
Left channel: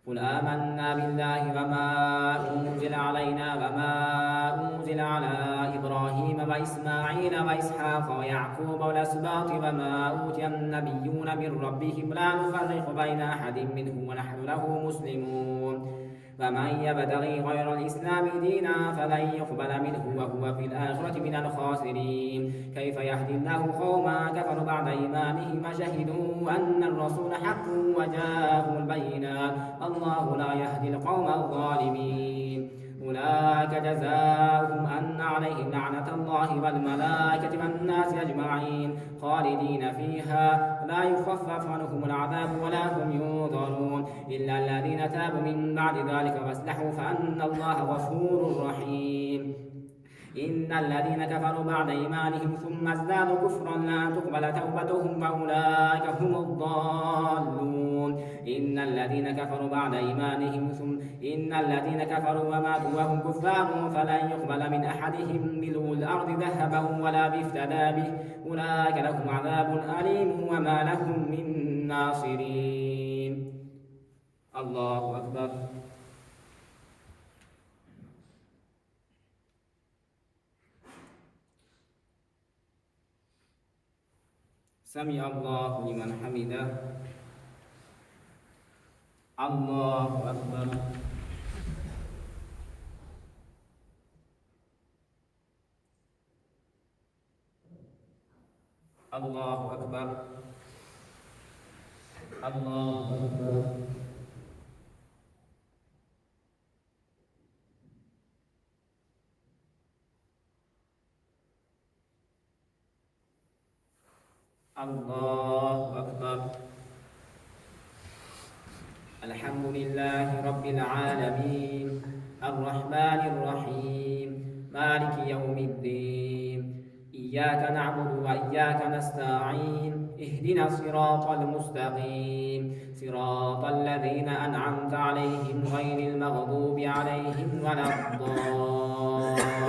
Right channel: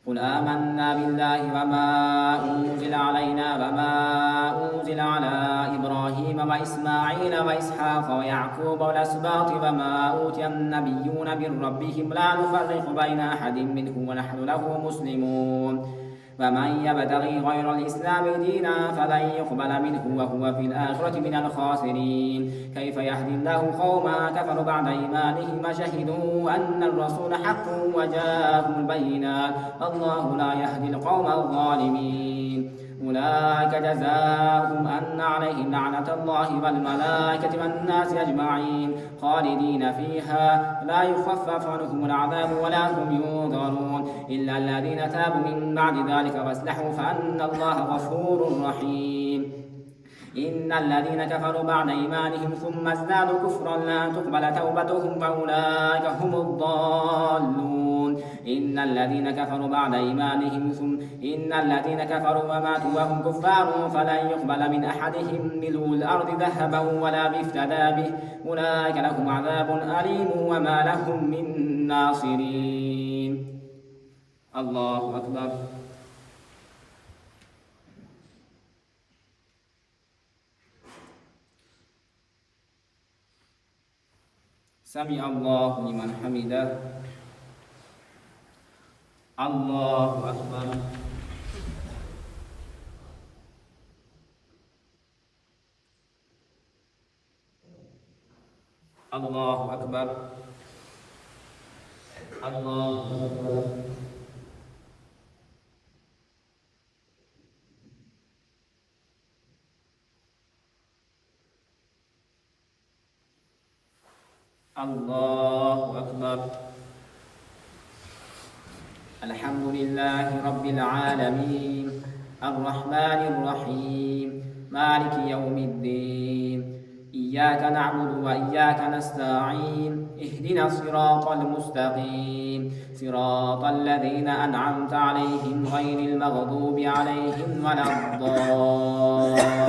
قل آمنا بالله وما أنزل علينا وما أنزل على إبراهيم وإسماعيل وإسحاق ويعقوب والأسباط وما أوتي النبيون من ربهم لا نفرق بين أحد منهم ونحن له مسلمون ومن يبتغي غير الإسلام دينا فلن يقبل منه وهو في الآخرة من الخاسرين كيف يهدي الله قوما كفروا بعد إيمانهم وشهدوا أن الرسول حق وجاءهم البينات الله لا يهدي القوم الظالمين أولئك جزاؤهم أن عليهم لعنة الله والملائكة والناس أجمعين خالدين فيها لا يخفف عنهم العذاب ولا هم ينظرون إلا الذين تابوا من بعد ذلك واصلحوا فأن الله غفور رحيم إن الذين كفروا بعد إيمانهم ثم ازدادوا كفرا لا تقبل توبتهم فأولئك هم الضالون إن الذين كفروا بعد إيمانهم إن الذين كفروا وماتوا وهم كفار فلن يقبل من أحدهم ملء الأرض ذهبا ولا بافتدى به أولئك لهم عذاب أليم وما لهم من ناصرين الله أكبر سمع الله لمن حمده الله أكبر الله أكبر الله أكبر الله أكبر الحمد لله رب العالمين الرحمن الرحيم مالك يوم الدين إياك نعبد وإياك نستعين اهدنا الصراط المستقيم صراط الذين أنعمت عليهم غير المغضوب عليهم ولا الضالين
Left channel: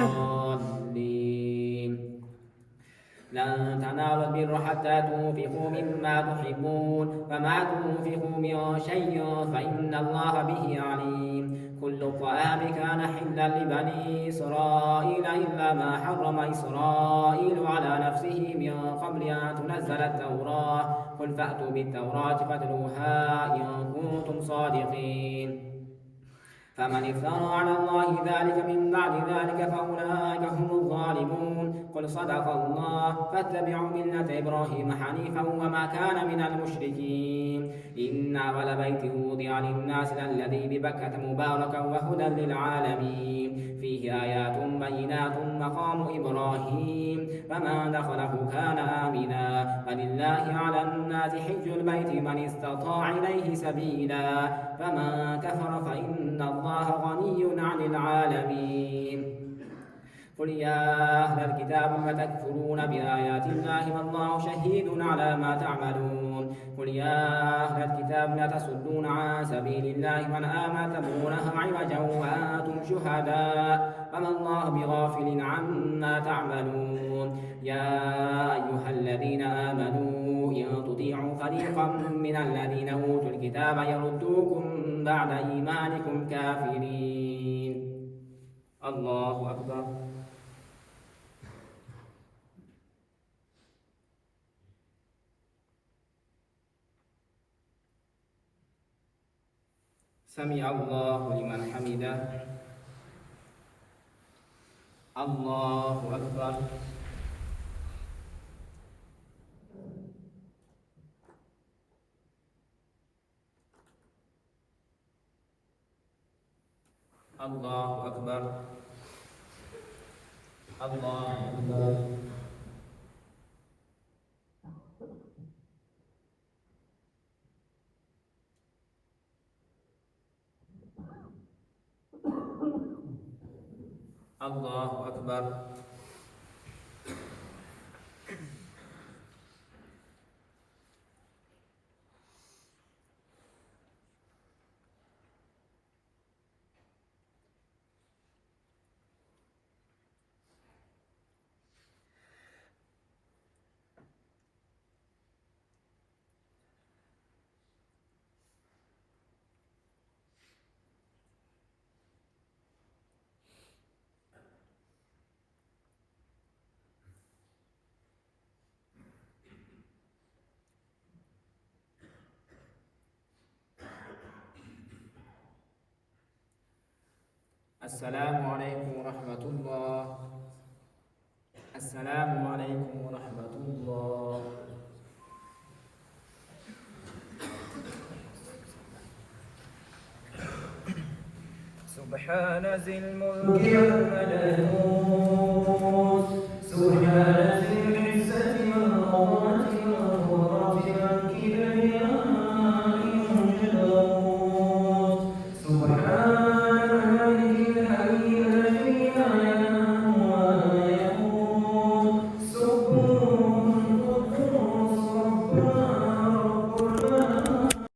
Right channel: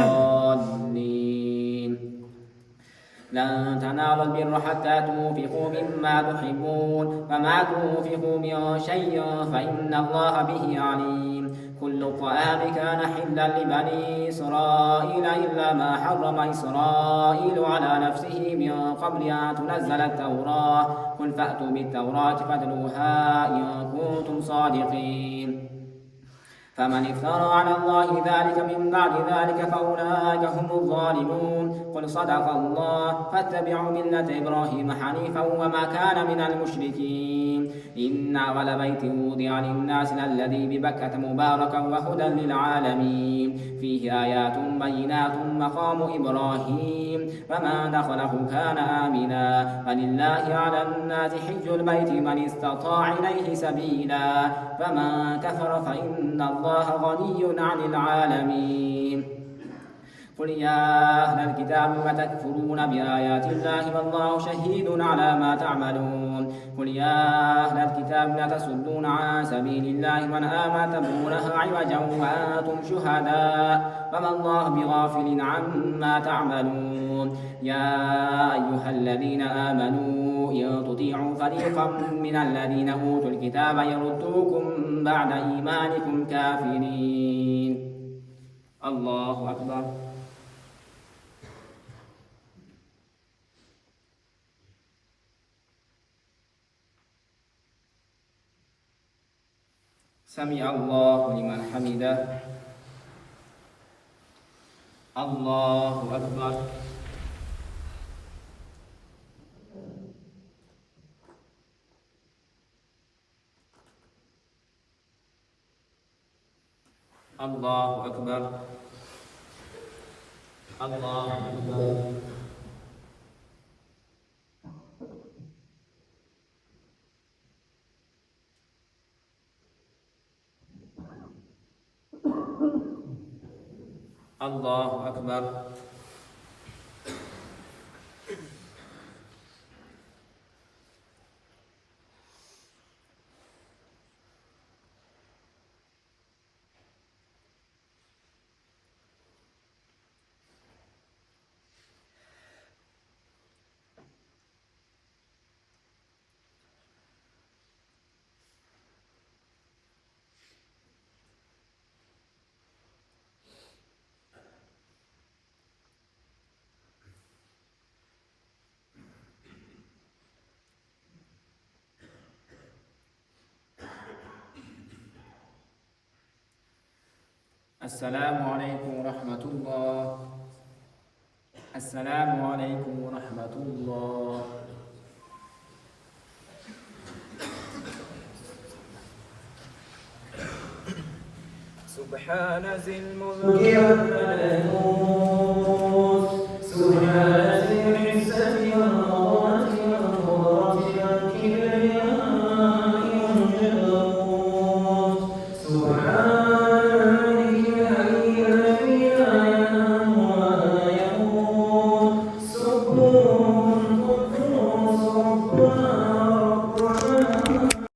لن تنالوا البر حتى تنفقوا مما تحبون وما تنفقوا من شيء فإن الله به عليم كل الطعام كان حلا لبني إسرائيل إلا ما حرم إسرائيل على نفسه من قبل أن تنزل التوراة قل فأتوا بالتوراة فاتلوها إن كنتم صادقين فمن افترى على الله ذلك من بعد ذلك فأولئك هم الظالمون قل صدق الله فاتبعوا ملة إبراهيم حنيفا وما كان من المشركين إن أول بيت وضع للناس الذي ببكة مباركا وهدى للعالمين فيه آيات بينات مقام إبراهيم فمن دخله كان آمنا ولله على الناس حج البيت من استطاع إليه سبيلا فمن كفر فإن الله غني عن العالمين قل يا أهل الكتاب لم تكفرون بآيات الله والله شهيد على ما تعملون قل يا أهل الكتاب لا تصدون عن سبيل الله من آمن تبغونها عوجا وأنتم شهداء فما الله بغافل عما تعملون يا أيها الذين آمنوا إن تطيعوا فريقا من الذين أوتوا الكتاب يردوكم بعد إيمانكم كافرين الله أكبر سمع الله لمن حمده الله أكبر الله أكبر الله أكبر الله أكبر السلام عليكم ورحمة الله. السلام عليكم ورحمة الله. سبحان ذي الملك والملكوت